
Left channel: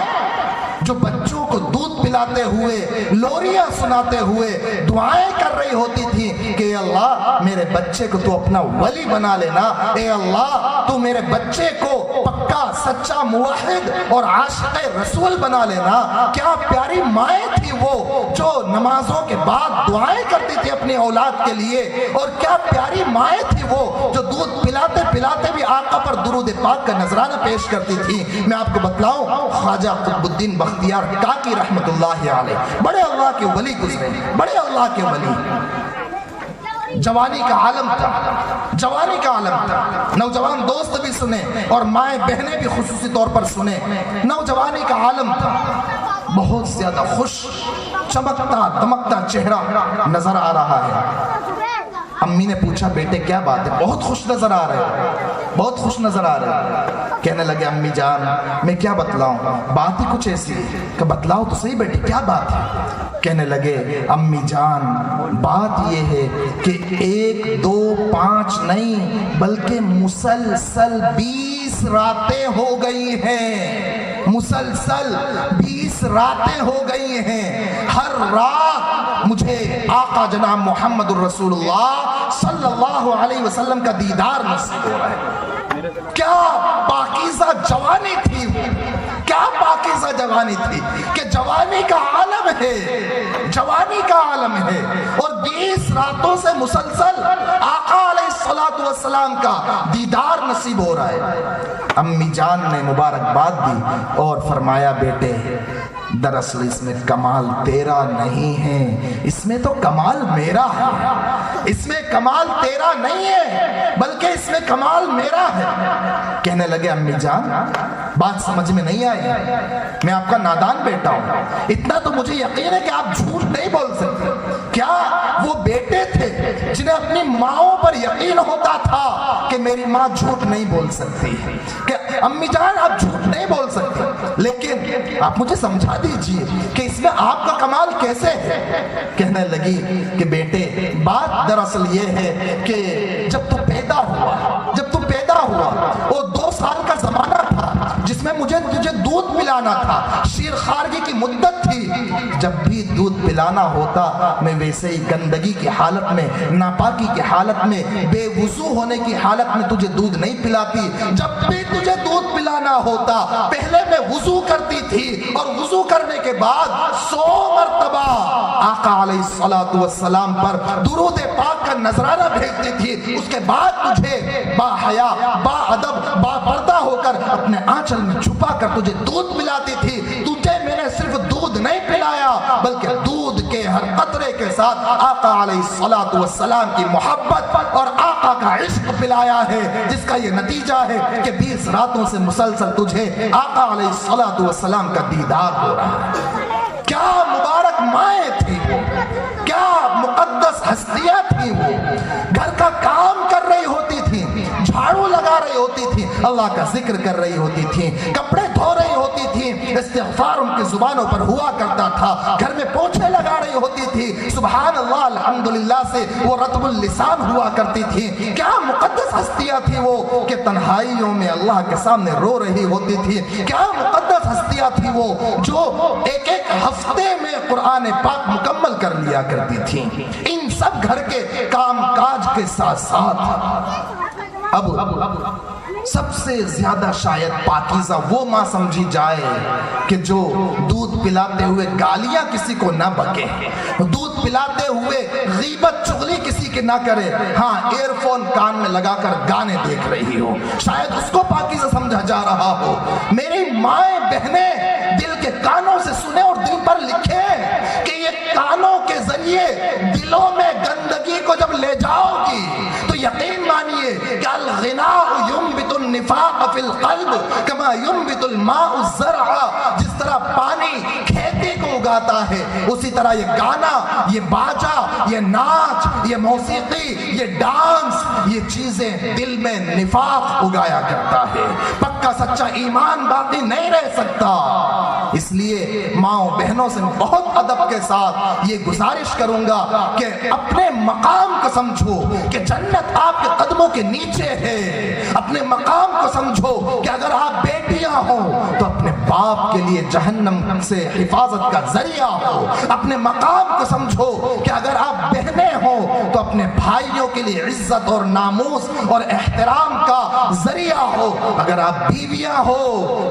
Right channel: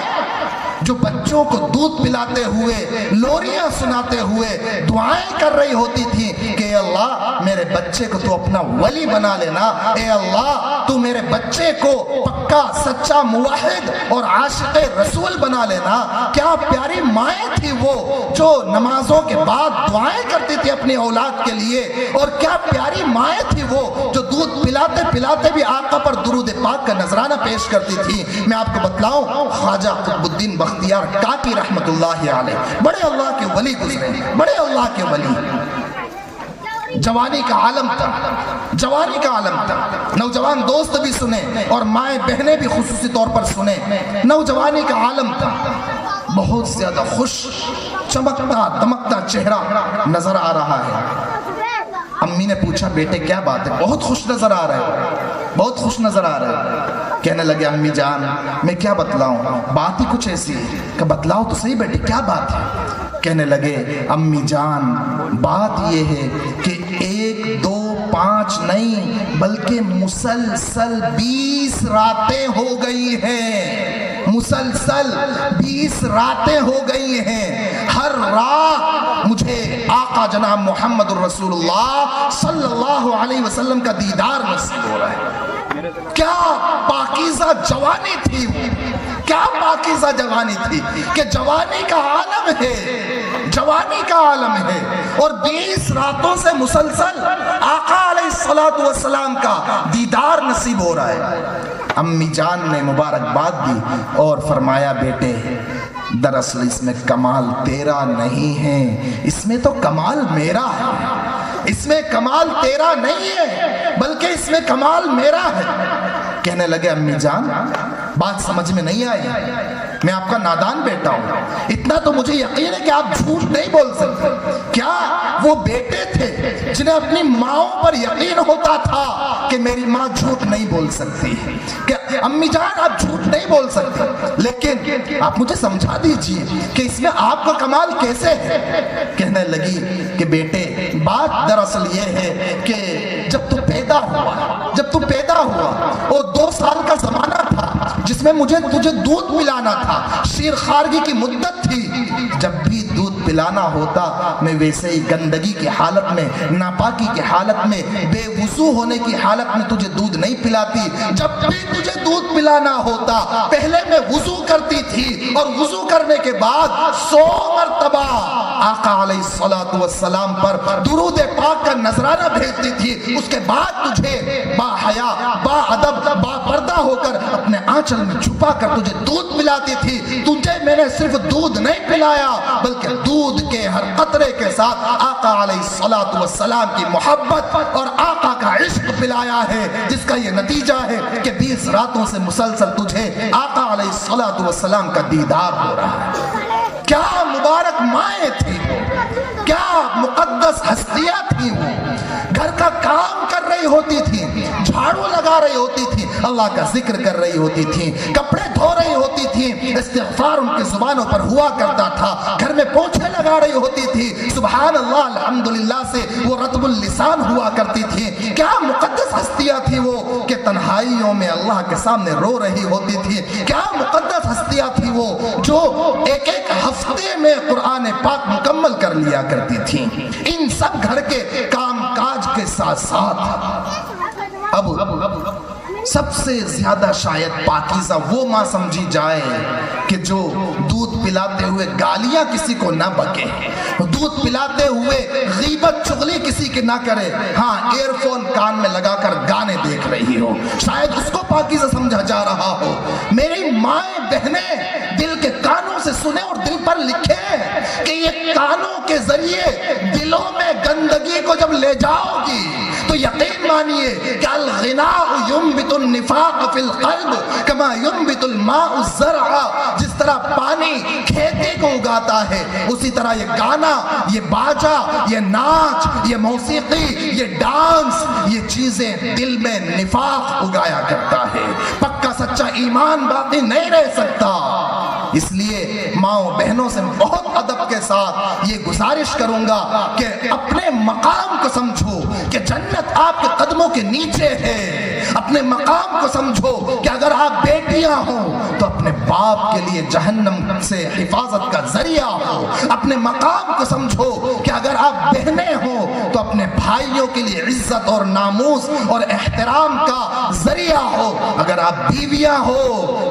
جو بچوں کو دودھ پلاتے ہوئے، لوریاں سناتے ہوئے دعائیں کر رہی ہوتی تھی کہ اے اللہ میرے بچے کو تو اپنا ولی بنا لینا، اے اللہ تو میرے بچے کو پکا سچا موحد اور عاشق رسول بنا لینا۔ کیا پیاری مائیں تھی وہ جو نمازوں کے بعد دعائیں کرتی تھی اپنی اولاد کے لیے، اور کیا پیاری مائیں تھی وہ جو دودھ پلاتے پلاتے بھی آقا پر درود پاک کا نذرانہ پیش کرتی تھی۔ میں آپ کو بتلاؤں خواجہ قطب الدین بختیار کاکی رحمت اللہ علیہ بڑے اللہ کے ولی گزرے، بڑے اللہ کے ولی۔ جوانی کا عالم تھا، جوانی کا عالم تھا۔ نوجوان دوست بھی سنیں اور مائیں بہنیں بھی خصوصی طور پر سنیں۔ نوجوانی کا عالم تھا، بہت زیادہ خوش چمکتا دمکتا چہرہ نظر آ رہا ہے۔ امی نے پوچھا بیٹے کیا بات ہے؟ بہت خوش نظر آ رہے ہیں، بہت خوش نظر آ رہے ہیں۔ کہنے لگے امی جان میں کیا بتلاؤں، بات ہی کچھ ایسی ہے کہ بتلاؤ تو صحیح بیٹے کیا بات ہے۔ کہنے لگے امی جان بات یہ ہے کہ 1 2 5 نہیں بلکہ مسلسل 20 راتیں ہو گئی ہیں، مسلسل 20 راتیں ہو گئی ہیں۔ ہر رات مجھے آقا جناب محمد الرسول اللہ صلی اللہ علیہ وسلم کا دیدار نصیب ہو رہا ہے۔ کیا پاکیزہ جوانی تھی وہ، کیا پاکیزہ جوانی تھی کہ جوانی کا عالم ہے، جوانی کا عالم ہے، اور 20 راتوں سے مسلسل آقا علیہ السلام کا دیدار نصیب ہو رہا ہے۔ امی جان نے مبارکباد دی اور فرمایا بیٹے دراصل اس میں کمال تیرا نہیں ہے، اس میں تو کمال میرا ہے، اس میں کمال تیرا نہیں ہے بلکہ اس میں کمال میرا ہے۔ کہنے لگے امی جان بات سمجھ میں نہیں آئی، میں آپ کا نادان بیٹا ہوں، اتنا تو مجھے یقین ہے کہ آپ جھوٹ نہیں بول سکتے۔ کیا وہ بیٹے تھے جنہیں اپنی ماؤں پر یقین ہوتا تھا کہ میری ماں جھوٹ نہیں بول سکتی، کہ امی جان آپ جھوٹ نہیں بول سکتے، لیکن آپ مجھے سمجھا دیجئے کہ اس میں آپ کا کمال کیسے ہے۔ کہنے لگی کہ بیٹے بات دراصل یہ ہے کہ جب تو پیدا ہوا وہ 2 سال کا زمانہ تھا جس میں مجھے تجھے دودھ پلانا تھا، شیر خارگی کی مدت تھی، جب بھی دودھ پلانا ہوتا میں ویسے ہی گندگی کی حالت میں، ناپاکی کی حالت میں، بے وضو ہونے کی حالت میں تجھے دودھ نہیں پلاتی۔ جب بھی تجھے دودھ پلانا ہوتا پہلے میں وضو کرتی تھی اور وضو کرنے کے بعد 100 مرتبہ آقا علیہ السلام پر درود پاک کا نذرانہ بھیجتی تھی، اس کے بعد تجھے با حیا با ادب با پردہ ہو کر اپنے آنچل میں چھپا کر تجھے دودھ پلاتی تھی۔ تجھے میں نے صرف دودھ نہیں پلایا بلکہ دودھ کے ہر قطرے کے ساتھ آقا علیہ السلام کی محبت اور آقا کا عشق پلایا ہے، جس کا یہ نتیجہ ہے کہ 20 راتوں سے مسلسل تجھے آقا علیہ السلام کا دیدار ہو رہا ہے۔ کیا مبارک مائیں تھی وہ، کیا مقدس ہستیاں تھی وہ، گھر کا کام کر رہی ہوتی تھی، جھاڑو لگا رہی ہوتی تھی، اللہ کا ذکر کر رہی ہوتی تھی، کپڑے دھو رہی ہوتی تھی، استغفار ان کی زبانوں پر ہوا کرتا تھا، گھر میں پوچھے لگا رہی ہوتی تھی، سبحان اللہ الحمدللہ سے وہ رطب اللسان ہوا کرتی تھی۔ کیا مقدس ہستیاں تھی وہ کہ تنہائیوں میں اللہ کے سامنے رو رہی ہوتی تھی، کیا مقدس ہستیاں تھی وہ جو ایک ہفتے میں قرآن پاک مکمل کر لیا کرتی تھی۔ ان سب گھر کے کام کاج کے ساتھ ساتھ اب سب سے زیادہ شاید پاکیزہ وہ ماں سمجھی جائے کہ جو دودھ پلاتے ہوئے گالیاں کسی کو نہ بکے، دودھ پلاتے ہوئے غیبت چغلی کسی کی نہ کرے، ہاں ایئر فون کان میں لگا کر گانے دیکھ رہی ہو، شاید اس کو پاکیزہ سمجھا جا رہا ہو۔ میری مائیں بہنیں دل کے کانوں سے سنیں اور دل پر لکھیں کہ یہ کانوں کے ذریعے دلوں میں گندگی کو جب لے جاؤ گی تو یقین مانیے کہ الغناء ينبت النفاق في القلب كما ينبت الماء الزرع، جس طرح پانی کھیتی کو اگاتا ہے اسی طرح یہ گانا، یہ باجا، یہ ناچ، یہ موسیقی، یہ ڈانس، یہ چیزیں دل میں نفاق اگایا کرتا ہے، پکا سچا ایمان باقی نہیں رہ سکتا۔ اس لیے ماؤں بہنوں سے بہت ادب کے ساتھ یہ گزارش کروں گا کہ اپنے مقام کو سمجھو کہ جنت آپ کے قدموں کے نیچے ہے، اپنے مقام کو سمجھو کہ اگر آپ بیٹیاں ہو تو اپنے باپ کے لیے جہنم سے حفاظت کا ذریعہ ہو، اپنے مقام کو سمجھو کہ اگر آپ بہنیں ہو تو اپنے بھائیوں کے لیے عزت اور ناموس اور احترام کا ذریعہ ہو، اگر آپ بیویاں ہو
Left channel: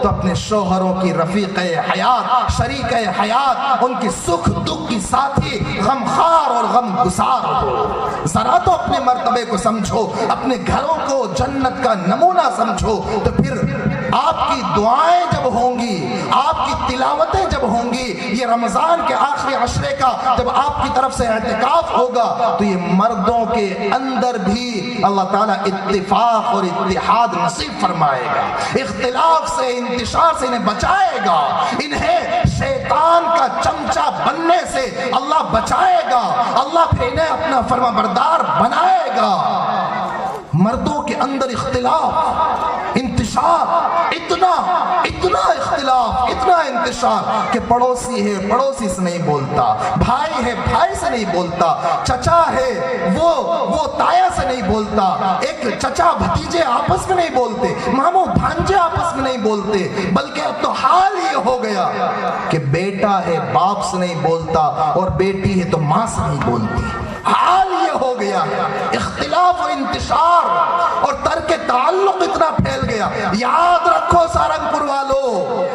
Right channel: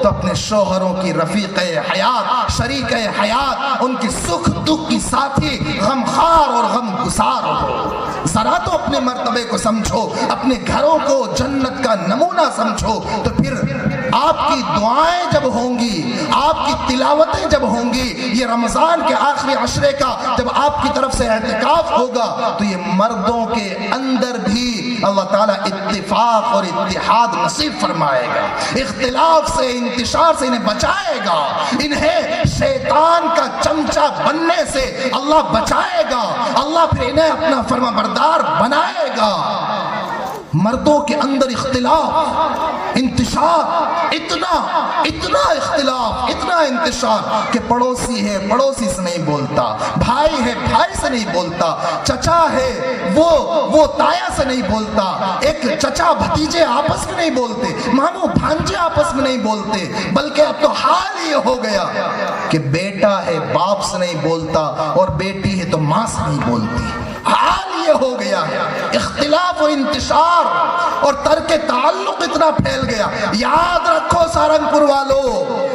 تو اپنے شوہروں کی رفیق حیات، شریک حیات، ان کی سکھ دکھ کی ساتھی، غمخوار اور غم گسار ہو۔ ذرا تو اپنے مرتبے کو سمجھو، اپنے گھروں کو جنت کا نمونہ سمجھو، تو پھر آپ کی دعائیں جب ہوں گی، آپ کی تلاوتیں جب ہوں گی، یہ رمضان کے آخری عشرے کا جب آپ کی طرف سے اعتکاف ہوگا تو یہ مردوں کے اندر بھی اللہ تعالیٰ اتفاق اور اتحاد نصیب فرمائے گا، اختلاف سے، انتشار سے انہیں بچائے گا، انہیں شیطان کا چمچہ بننے سے اللہ بچائے گا، اللہ پھر انہیں اپنا فرما بردار بنائے گا۔ مردوں کے اندر اختلاف، انتشار، اتنا اختلاف، اتنا انتشار کہ پڑوسی ہے پڑوسی سے نہیں بولتا، بھائی ہے بھائی سے نہیں بولتا، چچا ہے وہ تایا سے نہیں بولتا، ایک چچا بھتیجے آپس میں نہیں بولتے، ماموں بھانجے آپس میں نہیں بولتے، بلکہ اب تو حال یہ ہو گیا کہ بیٹا ہے باپ سے نہیں بولتا اور بیٹی ہے تو ماں سے نہیں بولتی۔ حال یہ ہو گیا ہے، اختلاف و انتشار اور ترک تعلق اتنا پھیل گیا۔ یاد رکھو سہارنپور والو،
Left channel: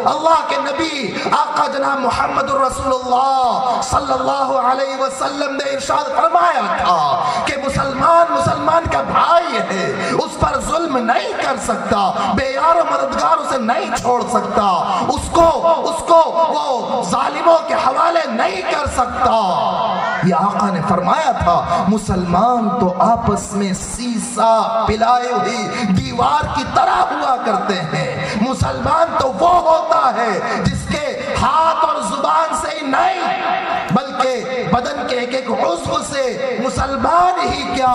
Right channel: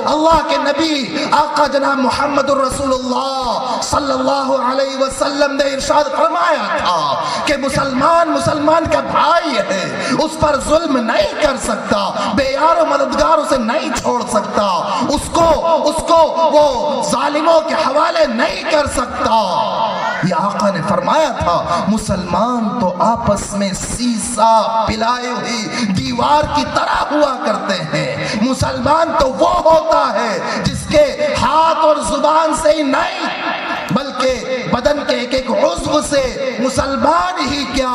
اللہ کے نبی آقا جناب محمد الرسول اللہ صلی اللہ علیہ وسلم نے ارشاد فرمایا تھا کہ مسلمان کا بھائی ہے، اس پر ظلم نہیں کر سکتا، بے یار و مددگاروں سے نہیں چھوڑ سکتا، اس کو وہ ظالموں کے حوالے نہیں کر سکتا۔ یہ آقا نے فرمایا تھا مسلمان تو آپس میں سیسا پلائے ہوئی دیوار کی طرح ہوا کرتے ہیں، مسلمان تو وہ ہوتا ہے جس کے ہاتھ اور زبان سے ہی نہیں بلکہ بدن کے ایک ایک عضو سے مسلمان ہی کیا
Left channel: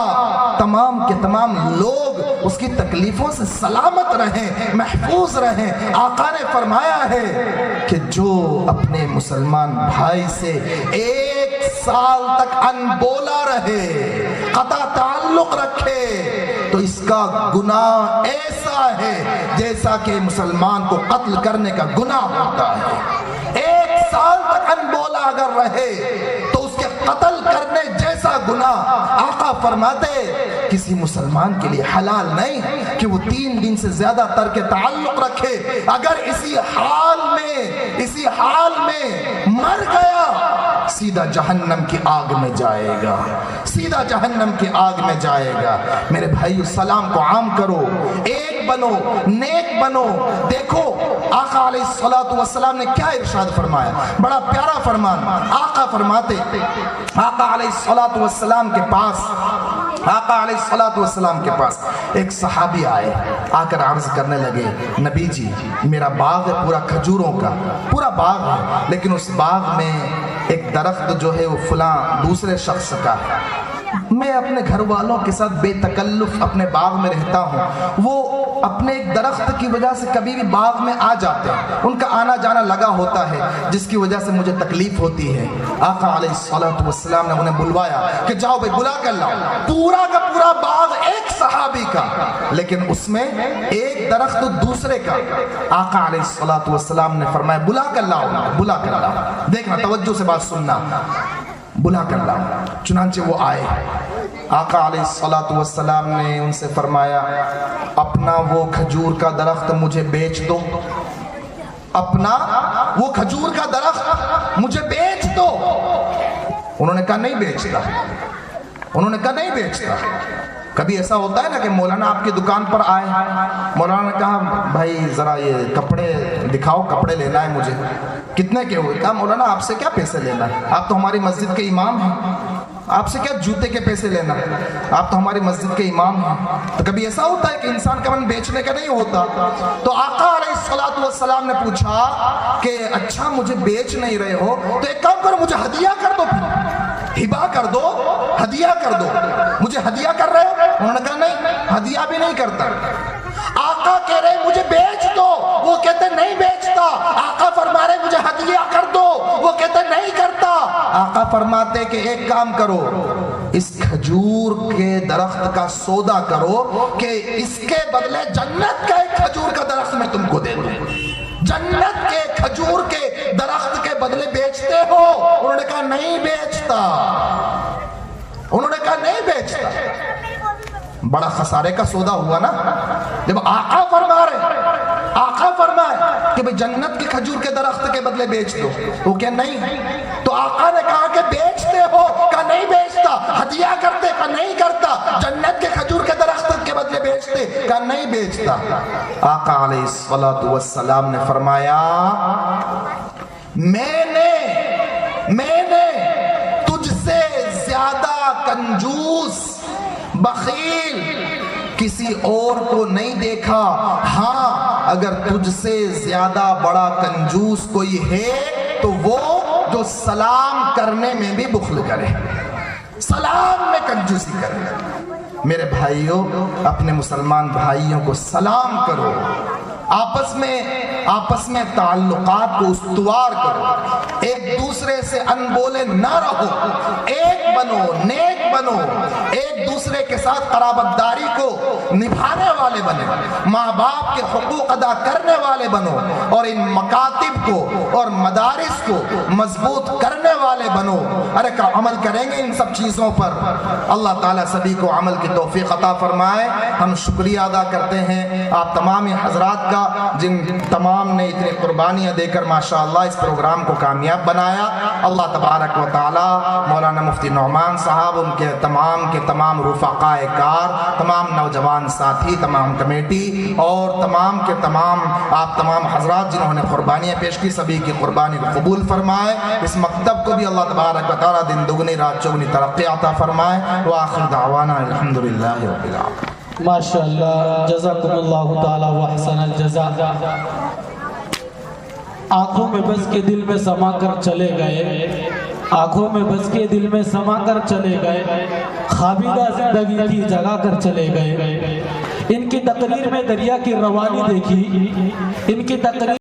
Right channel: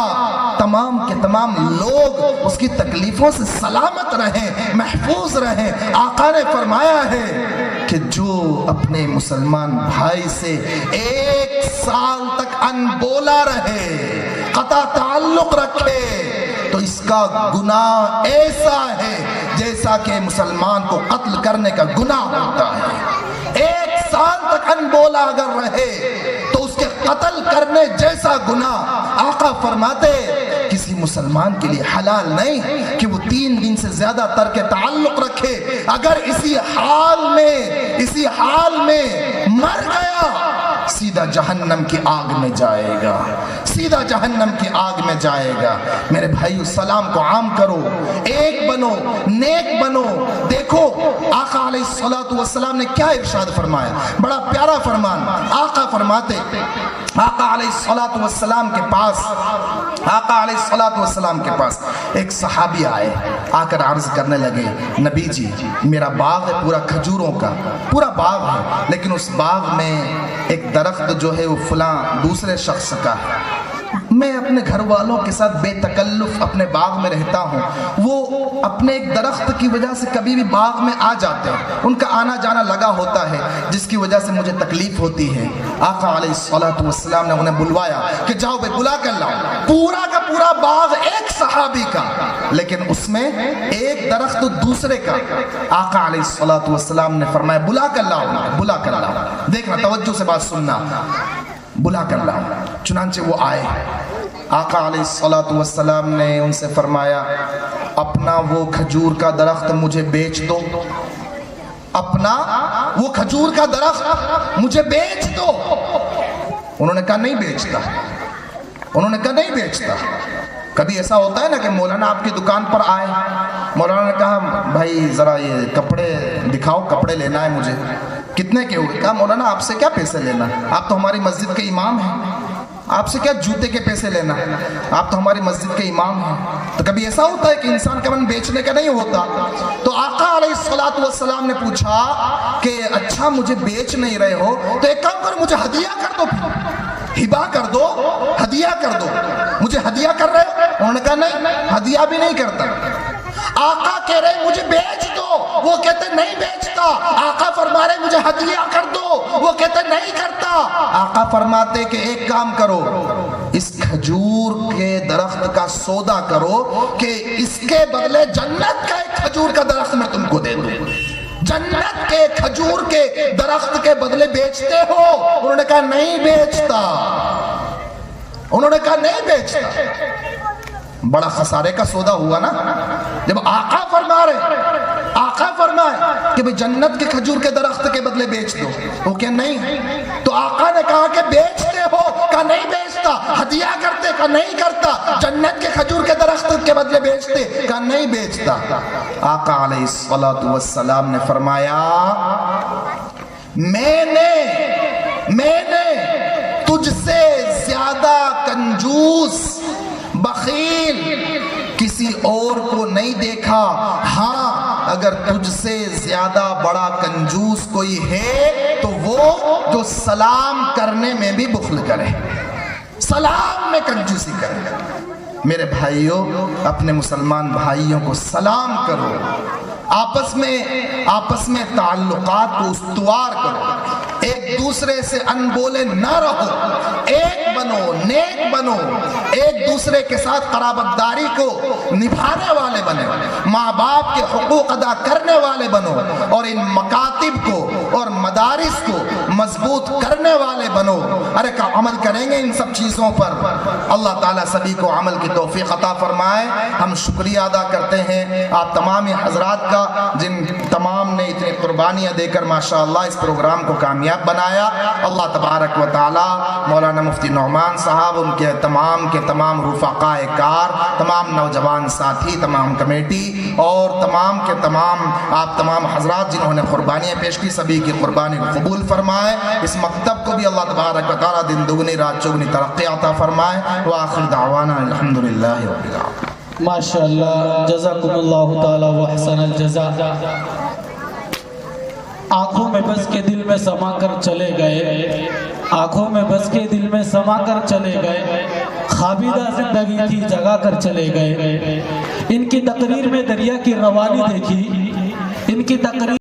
تمام کے تمام لوگ اس کی تکلیفوں سے سلامت رہیں، محفوظ رہیں۔ آقا نے فرمایا ہے کہ جو اپنے مسلمان بھائی سے 1 سال تک انبولا رہے، قطع تعلق رکھے، تو اس کا گناہ ایسا ہے جیسا کہ مسلمان کو قتل کرنے کا گناہ ہوتا ہے۔ 1 سال تک انبولا اگر رہے تو اس کے قتل کرنے جیسا گناہ۔ آقا فرماتے کسی مسلمان کے لیے حلال نہیں کہ وہ 3 دن سے زیادہ ترک تعلق رکھے، اگر اسی حال میں مر گیا سیدھا جہنم کی آگ میں جائے گا، سیدھا جہنم کی آگ میں جائے گا۔ میرے بھائی سلام کو عام کرو، ایک بنو، نیک بنو۔ دیکھو آقا علیہ السلام نے کیا ارشاد فرمایا، بڑا پیارا فرمان۔ آقا فرماتے آقا علیہ السلام کے پاس ایک صحابی آئے، آ کر عرض کرنے لگے نبی جی میرا باغ ہے پورا کھجوروں کا، پورا باغ ہے، لیکن اس باغ میں ایک درخت جو ہے وہ فلاں دوسرے شخص کا ہے، میں اپنے گھر والوں کے ساتھ بے تکلف اپنے باغ میں رہتا ہوں، وہ اپنے ایک درخت کی وجہ سے کبھی بھی باغ میں آ جاتے ہیں، ان کا آنا جانا لگا ہوتا ہے جس کی وجہ سے مجھے تکلیف ہوتی ہے۔ آقا علیہ السلام نے انہیں بلوایا کہ جاؤ بے بلا کر لاؤ، پورا کا پورا باغ ایک صحابی کا لیکن اس میں ایک درخت دوسرے کا۔ آقا علیہ السلام نے فرمایا بلا کر لاؤ، بلا کر لاؤ، دیکھنا توجہ سے بات سننا، بلا کر لاؤ۔ چنانچہ وہ آئے، آقا علیہ الصلوۃ والسلام نے ان سے فرمایا اپنا وہ کھجور کا درخت مجھے بیچ دو، اپنا وہ کھجور کا درخت مجھے بیچ دو۔ انہوں نے کہا نہیں بیچتا، انہوں نے کہا نہیں بیچتا۔ کبھی ایسا ہوتا ہے نا کہ مولانا آپ کی دکان پر آئے، مولانا نے کہا بھائی ذرا یہ کپڑے دکھاؤ، کپڑے لینا ہے مجھے، کتنے کے ہوئے؟ کہا مولانا آپ سے کیا پیسے لینا، آپ تو ہماری مسجد کے امام ہیں، آپ سے کیا جوتے کے پیسے لینا، آپ تو ہماری مسجد کے امام ہیں۔ تو کبھی ایسا ہوتا ہے کہ انسان کا من بیچنے کا نہیں ہوتا۔ تو آقا علیہ الصلوۃ والسلام نے پوچھا کہ اچھا مجھے بیچ نہیں رہے ہو تو ایک کام کرو، مجھے ہدیہ کر دو، ہبا کر دو، ہدیہ کر دو، مجھے ہدیہ کر رہے ہو؟ انہوں نے کہا نہیں، ہدیہ بھی نہیں کرتا۔ آقا کہہ رہے مجھے بیچ دو، وہ کہتے نہیں بیچتا۔ آقا فرما رہے مجھے ہدیہ کر دو، وہ کہتے نہیں کرتا۔ آقا فرماتے کہ ایک کام کرو، اس کھجور کے درخت کا سودا کرو کہ اس کے بدلے جنت کا ایک کھجور کا درخت میں تم کو دے دوں۔ جنت کے کھجور کے درخت کے بدلے بیچتے ہو؟ انہوں نے کہا نہیں بیچتا، انہوں نے کہا نہیں بیچتا۔ بڑا خسارے کا سودا ہوا نا جب آقا فرما رہے، آقا فرمائے کہ بھئی جنت کے کھجور کے درخت کے بدلے بیچ دو، وہ کیا نہیں؟ تو آقا نے کہا کہ بیچتے ہو؟ کہا نہیں بیچتا۔ ہدیہ کرتے؟ کہا نہیں کرتا۔ جنت کے کھجور کے درخت کے بدلے بیچتے؟ کہا نہیں بیچتا۔ آقا علیہ الصلوۃ والسلام نے فرمایا میں نے تجھ سے زیادہ کنجوس بخیل کسی اور کو نہیں دیکھا، ہاں اگر تجھ سے زیادہ بڑا کنجوس کوئی ہے تو وہ جو سلام کرنے میں بھی بخل کرے، سلام میں کنجوسی کرے۔ میرے بھائیوں، اپنے مسلمان بھائیوں کو سلام کرو، آپس میں تعلقات کو استوار کرو، ایک دوسرے سے انبولے نہ رہو، ایک بنو، نیک بنو، ایک دوسرے کے ساتھ قرابت داری کو نبھانے والے بنو، ماں باپ کے حقوق ادا کرنے والے بنو، اور ان مکاتب کو اور مدارس کو مضبوط کرنے والے بنو۔ ارے عمل کریں گے ان سب چیزوں پر، اللہ تعالیٰ سبھی کو عمل کی توفیق عطا فرمائے۔ ہم شکریہ ادا کرتے ہیں آپ تمام حضرات کا، جن تمام نے اتنی قربانیاں دے کر ماشاءاللہ اس پروگرام کو کامیاب بنایا۔ اللہ تبارک و تعالی مولانا مفتی نعمان صاحب، ان کے تمام رفقاء کار، تمام نوجوان ساتھی، تمام کمیٹی اور تمام کے تمام آپ تمام حضرات جنہوں نے قربانیاں پیش کی، سبھی کی قربانی کو قبول فرمائے۔ اس مکتب کو بھی اللہ تبارک و تعالی دن دگنی رات چگنی ترقی عطا فرمائے۔ وآخر دعوانا الحمدللہ رب العالمین۔ ماشاءاللہ، جزاکم اللہ تعالی وحسن الجزا۔ آنکھوں میں بس کے دل میں سما کر چلے گئے، آنکھوں میں بس کے دل میں سما کر چلے گئے، خوابیدہ زندگی تھی جگا کر چلے گئے۔ ان کی تقریر میں دریا کی روانی دیکھی، ان کی تقریر